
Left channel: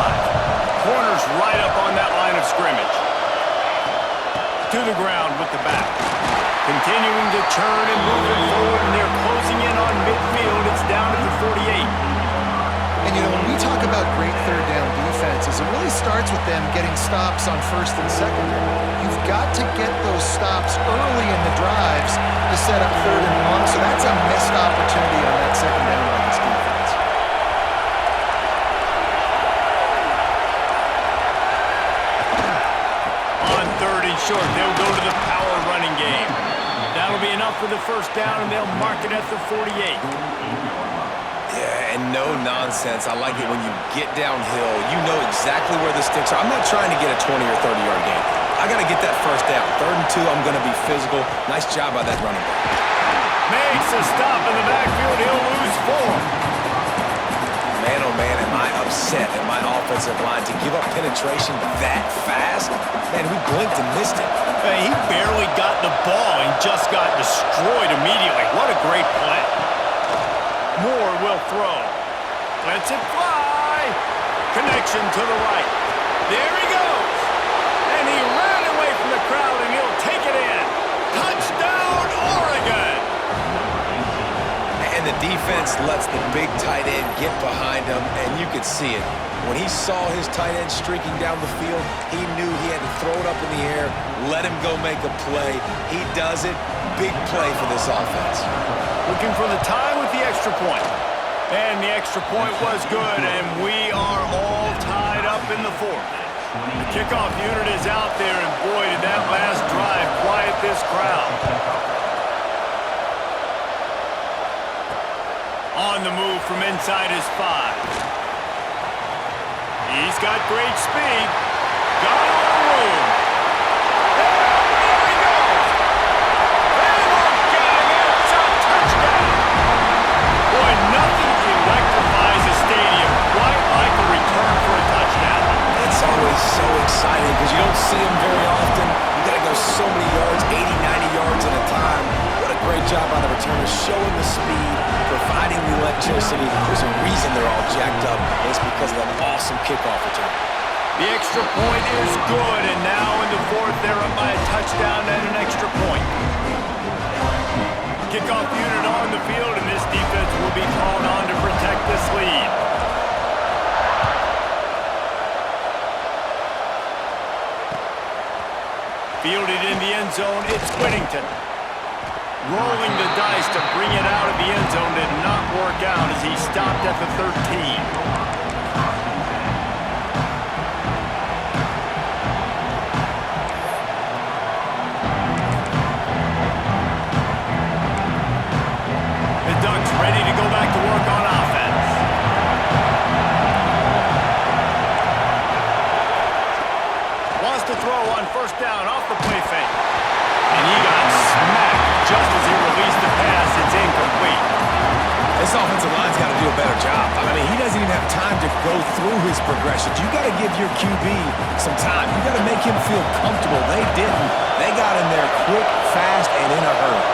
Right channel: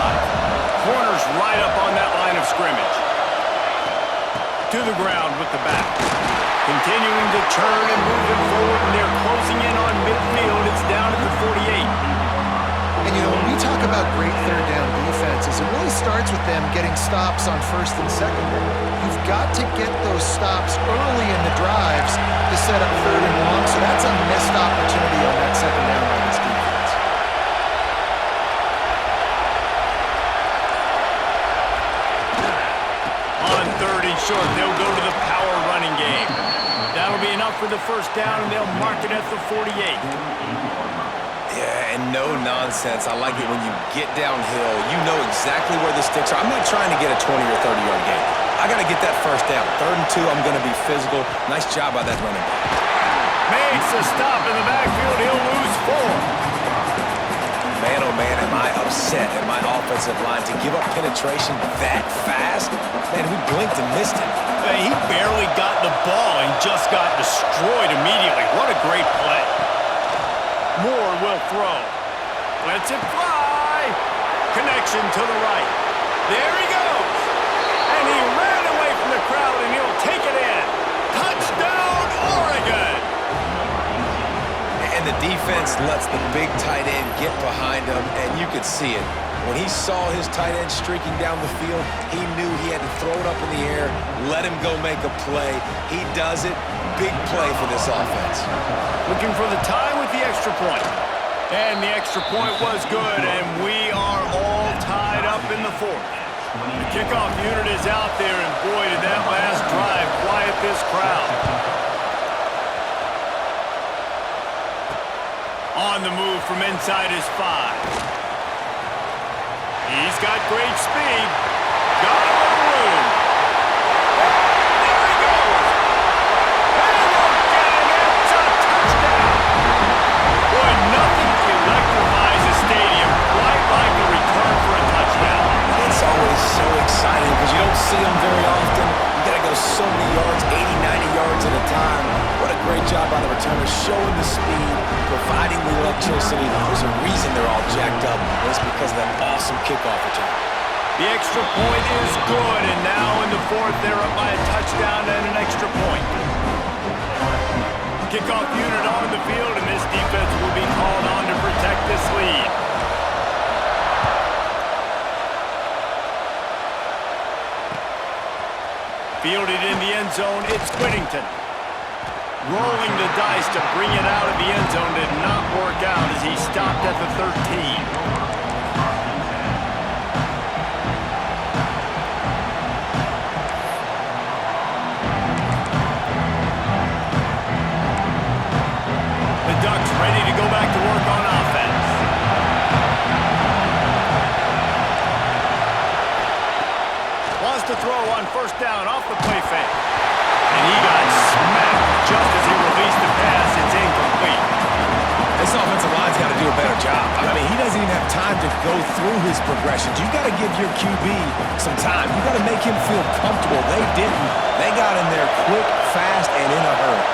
Corner's right up on that line of scrimmage. To the ground with the back. Continuing to turn and move it forward, and they're closing in on midfield. It's down at the 48. And, you know, when we talk about great third down defenses, it really starts with them getting stops on first and second down. You've got to get those stops early in the drives to set up 3rd and long, so that's a missed opportunity on that second down by this defense. On 3rd and short, they'll go to the power running game. That'll be enough for the first down, and they'll mark it at the 48. Yeah, and no nonsense. I like it when you get downhill. You know exactly where the sticks are. I'm not trying to get a 20 or 30-yard gain. I got to get that first down. 3rd and 2, I'm going to be physical. Nice job by that running back. Makes a stop in the backfield. He'll lose 4. Man, oh man, am I upset at my offensive line to give up penetration that fast? Man, we blinked and missed it. He barely got the ball and just got destroyed immediately. What a great play. Moore will throw. Lets it fly. Connection to the right. There he goes. And he ran away from the crowd, and he'll take it in. Touchdown, Oregon. And the defense lets the big tight end get behind him, and you could see it. When he saw his tight end streaking down the field, he knew he had to throw it up in the air, let him go make a play. He does it. Big play for this offense. Looking for the tie with the extra point. And the extra point was good, and we are all tied up in the 4th. The kickoff unit is out there, and boy, did that last drive quiet this crowd. On the move from inside his 5. He's got great speed. Got a little room. And there he goes. They won't get him. It's a touchdown. Boy, nothing electrifies a stadium quite like a return for a touchdown. It's always so exciting because you don't see them very often. You got to go so many yards, 80, 90 yards at a time. What a great job by the returner, showing the speed, providing the electricity. There's a reason they're all jacked up, and it's because of that awesome kickoff return. The extra point is good, and now in the 4th, they're up by a touchdown and an extra point. Kickoff unit on the field, and this defense will be called on to protect this lead. Fielded in the end zone, it's Whittington. Rolling the dice to bring it out of the end zone did not work out as he stopped at the 13. The Ducks ready to go back to work on offense. Wants to throw on first down off the play fake. And he got smacked just as he released the pass. It's incomplete. This offensive line's got to do a better job. I mean, he doesn't even have time to go through his progressions. You got to give your QB some time. You got to make him feel comfortable. They didn't. They got in there quick, fast, and in a hurry.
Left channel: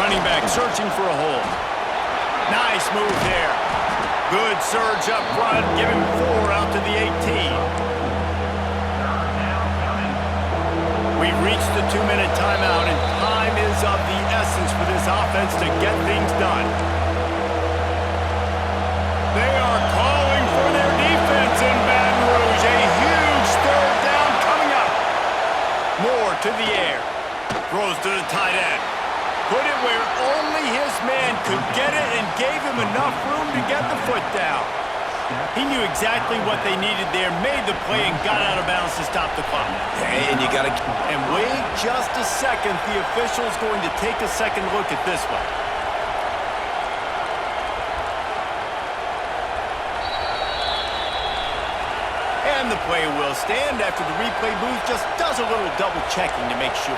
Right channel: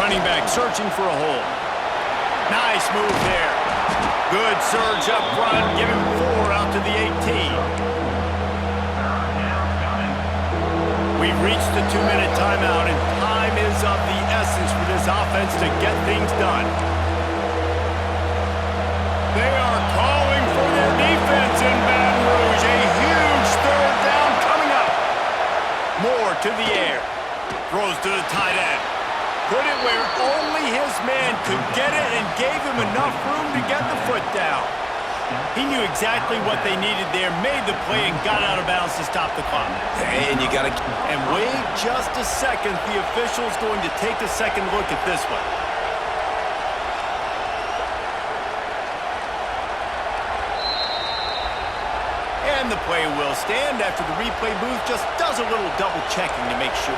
Running back searching for a hole. Nice move there. Good surge up front. Give him 4 out to the 18. We reached the 2-minute timeout, and time is of the essence for this offense to get things done. They are calling for their defense in Baton Rouge. A huge third down coming up. Moore to the air. Throws to the tight end. Put it where only his man could get it and gave him enough room to get the foot down. He knew exactly what they needed there, made the play, and got out of bounds to stop the clock. And you got to... And wait just a second. The official's going to take a second look at this one. And the play will stand after the replay booth just does a little double checking to make sure.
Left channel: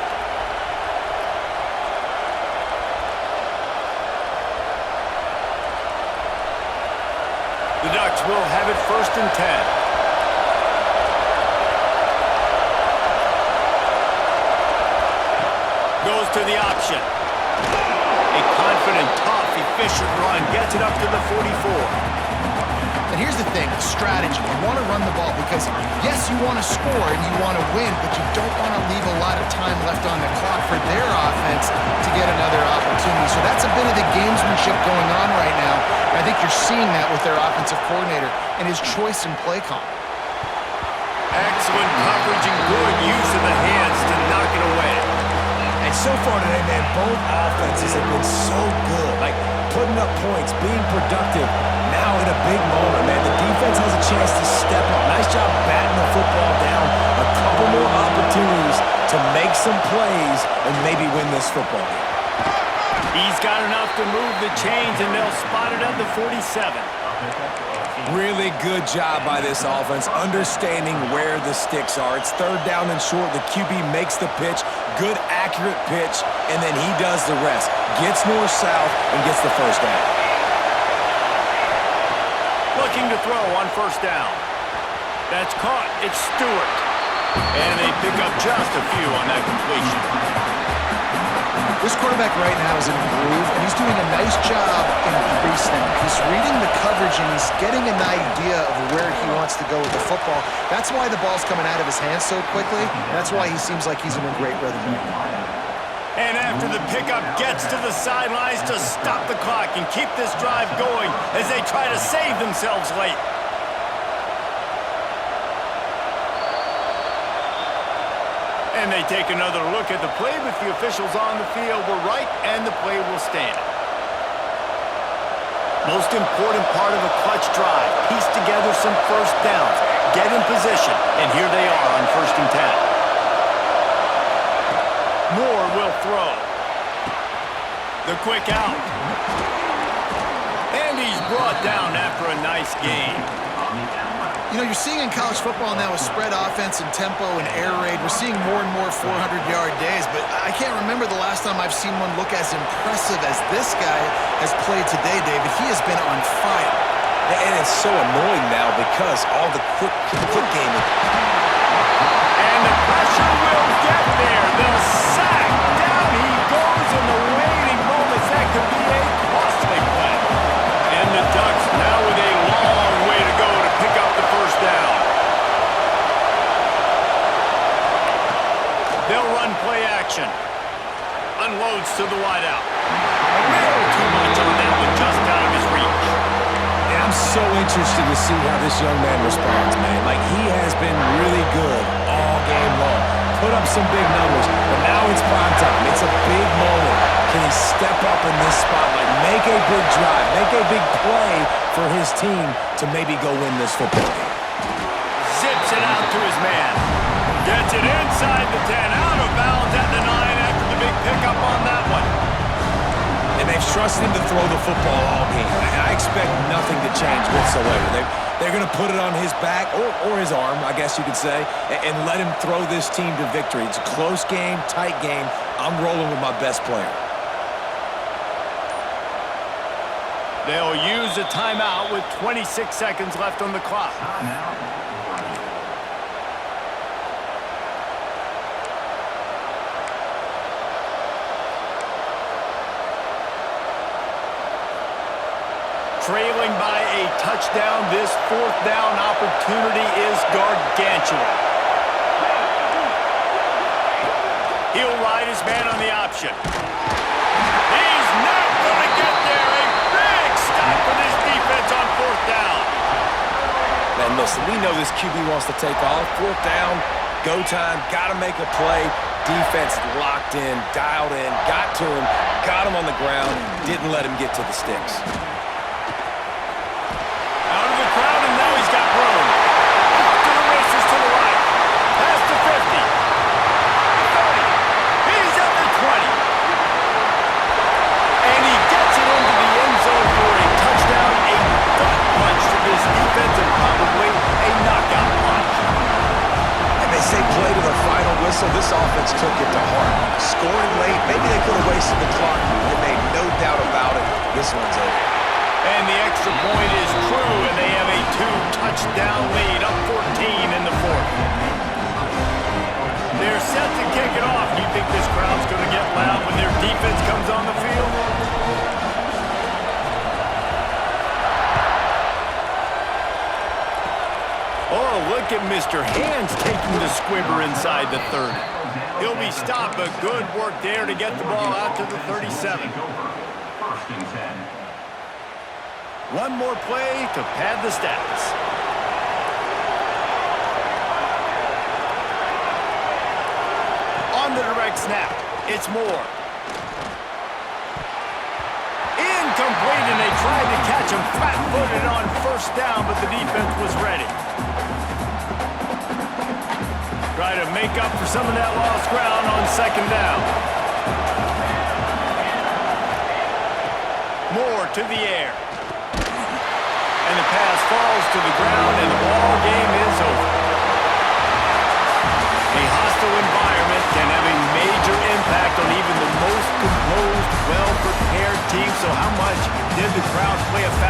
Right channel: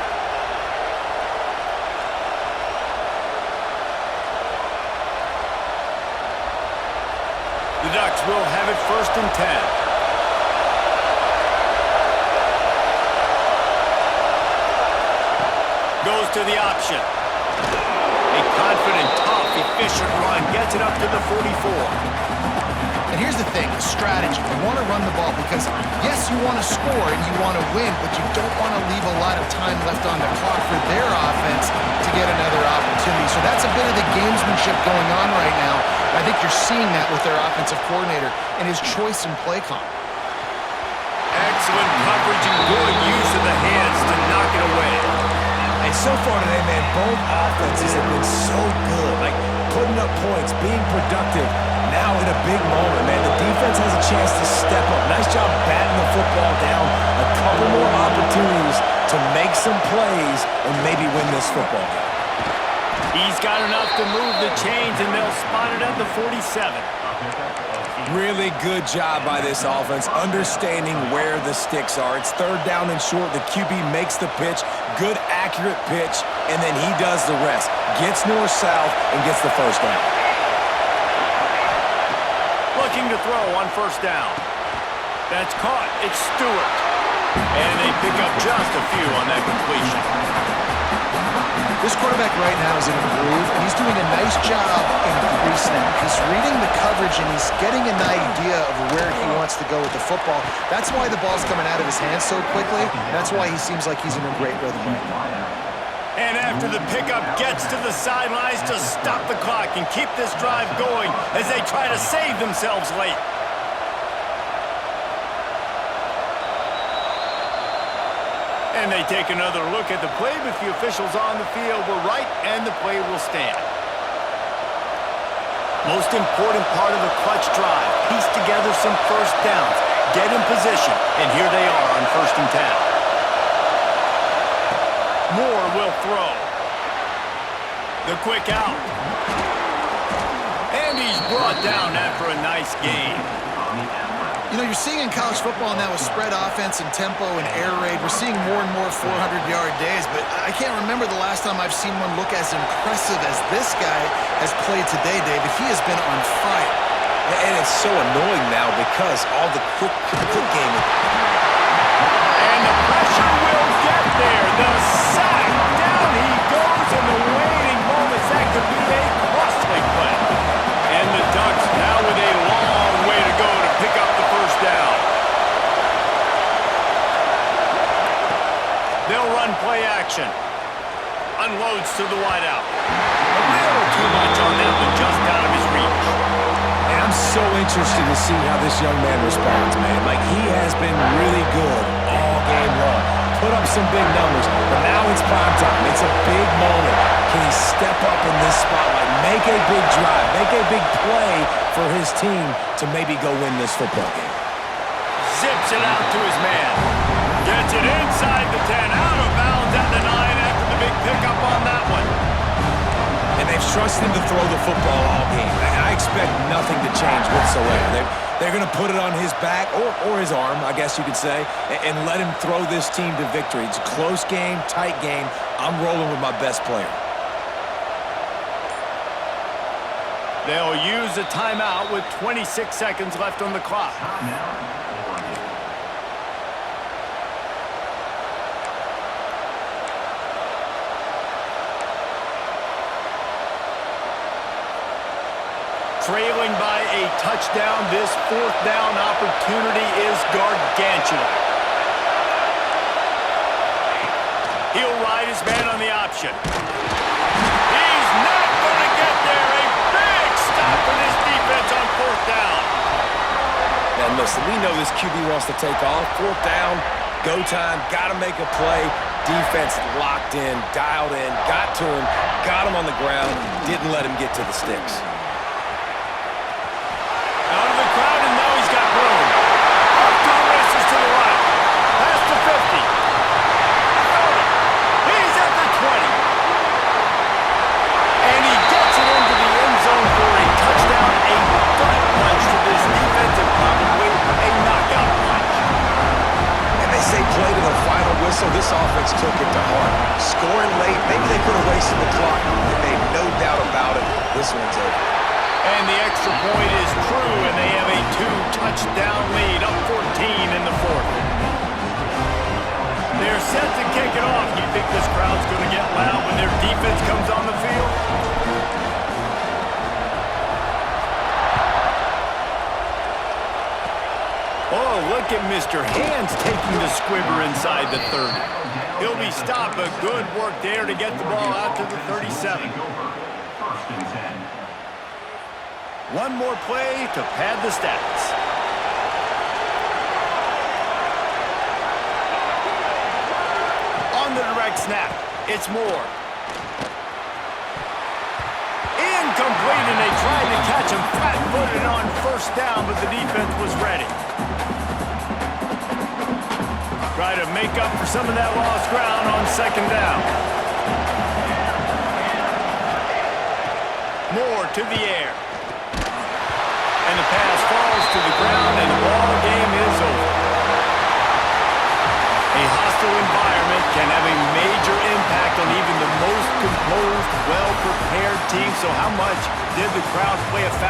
The Ducks will have it 1st and 10. Goes to the option. A confident, tough, efficient run gets it up to the 44. And here's the thing, the strategy. You want to run the ball because, yes, you want to score and you want to win, but you don't want to leave a lot of time left on the clock for their offense to get another opportunity. So that's a bit of the gamesmanship going on right now. I think you're seeing that with their offensive coordinator and his choice in play call. Excellent coverage and good use of the hands to knock it away. And so far today, man, both offenses have been so good. Like, putting up points, being productive. Now in a big moment, man, the defense has a chance to step up. Nice job batting the football down. A couple more opportunities to make some plays and maybe win this football game. He's got enough to move the chains, and they'll spot it at the 47. Really good job by this offense, understanding where the sticks are. It's 3rd down and short. The QB makes the pitch, good, accurate pitch, and then he does the rest. Gets north-south and gets the 1st down. Looking to throw on 1st down. That's caught. It's Stewart. And they pick up just a few on that completion. This quarterback right now is in a groove, and he's doing a nice job in pre-snap. He's reading the coverage, and he's getting an idea of where he wants to go with the football. That's why the ball's coming out of his hands so quickly. That's why he seems like he's in a great rhythm right now. And after the pickup, gets to the sidelines to stop the clock and keep this drive going as they try to save themselves late. And they take another look at the play with the officials on the field. We're right, and the play will stand. Most important part of a clutch drive. Piece together some 1st downs. Get in position, and here they are on 1st and 10. Moore will throw. The quick out. And he's brought down after a nice gain. You know, you're seeing in college football now with spread offense and tempo and air raid, we're seeing more and more 400-yard days, but I can't remember the last time I've seen one look as impressive as this guy has played today, David. He has been on fire. And it's so annoying now because all the quick game. And the pressure will get there. The sack. Down he goes in the waiting moments. That could be a costly play. And the Ducks now with a long way to go to pick up the 1st down. They'll run play action. Unloads to the wideout. A little too much on that one, just out of his reach. And I'm so interested to see how this young man responds, man. Like, he has been really good all game long. Put up some big numbers, but now it's prime time. It's a big moment. Can he step up in this spotlight, make a big drive, make a big play for his team to maybe go win this football game? Zips it out to his man. Gets it inside the 10, out of bounds at the 9 after the big pickup on that one. And they've trusted him to throw the football all game. I expect nothing to change whatsoever. They're going to put it on his back, or his arm, I guess you could say, and let him throw this team to victory. It's a close game, tight game. I'm rolling with my best player. They'll use a timeout with 26 seconds left on the clock. Trailing by a touchdown, this 4th down opportunity is gargantuan. He'll ride his man on the option. He's not going to get there. A big stop for this defense on 4th down. And listen, we know this QB wants to take off. 4th down, go time, got to make a play. Defense locked in, dialed in, got to him, got him on the ground, didn't let him get to the sticks. Out of the crowd, and now he's got room. Off to the races to the right. Past the 50. 30. He's at the 20. And he gets it into the end zone for a touchdown, a gut punch to this defense, and probably a knockout punch. And they say play to the final whistle. This offense took it to heart. Scoring late, maybe they could have wasted the clock. They made no doubt about it. This one's over. And the extra point is true, and they have a 2-touchdown lead, up 14 in the 4th. They're set to kick it off. You think this crowd's going to get loud when their defense comes on the field? Oh, look at Mr. Hands taking the squibber inside the 30. He'll be stopped, but good work there to get the ball out to the 37. One more play to pad the stats. On the direct snap, it's Moore. Incomplete, and they tried to catch him flat-footed on 1st down, but the defense was ready. Try to make up for some of that lost ground on 2nd down. Moore to the air. And the pass falls to the ground, and the ball game is over. A hostile environment can have a major impact on even the most composed, well-prepared team. So how much did the crowd play a factor?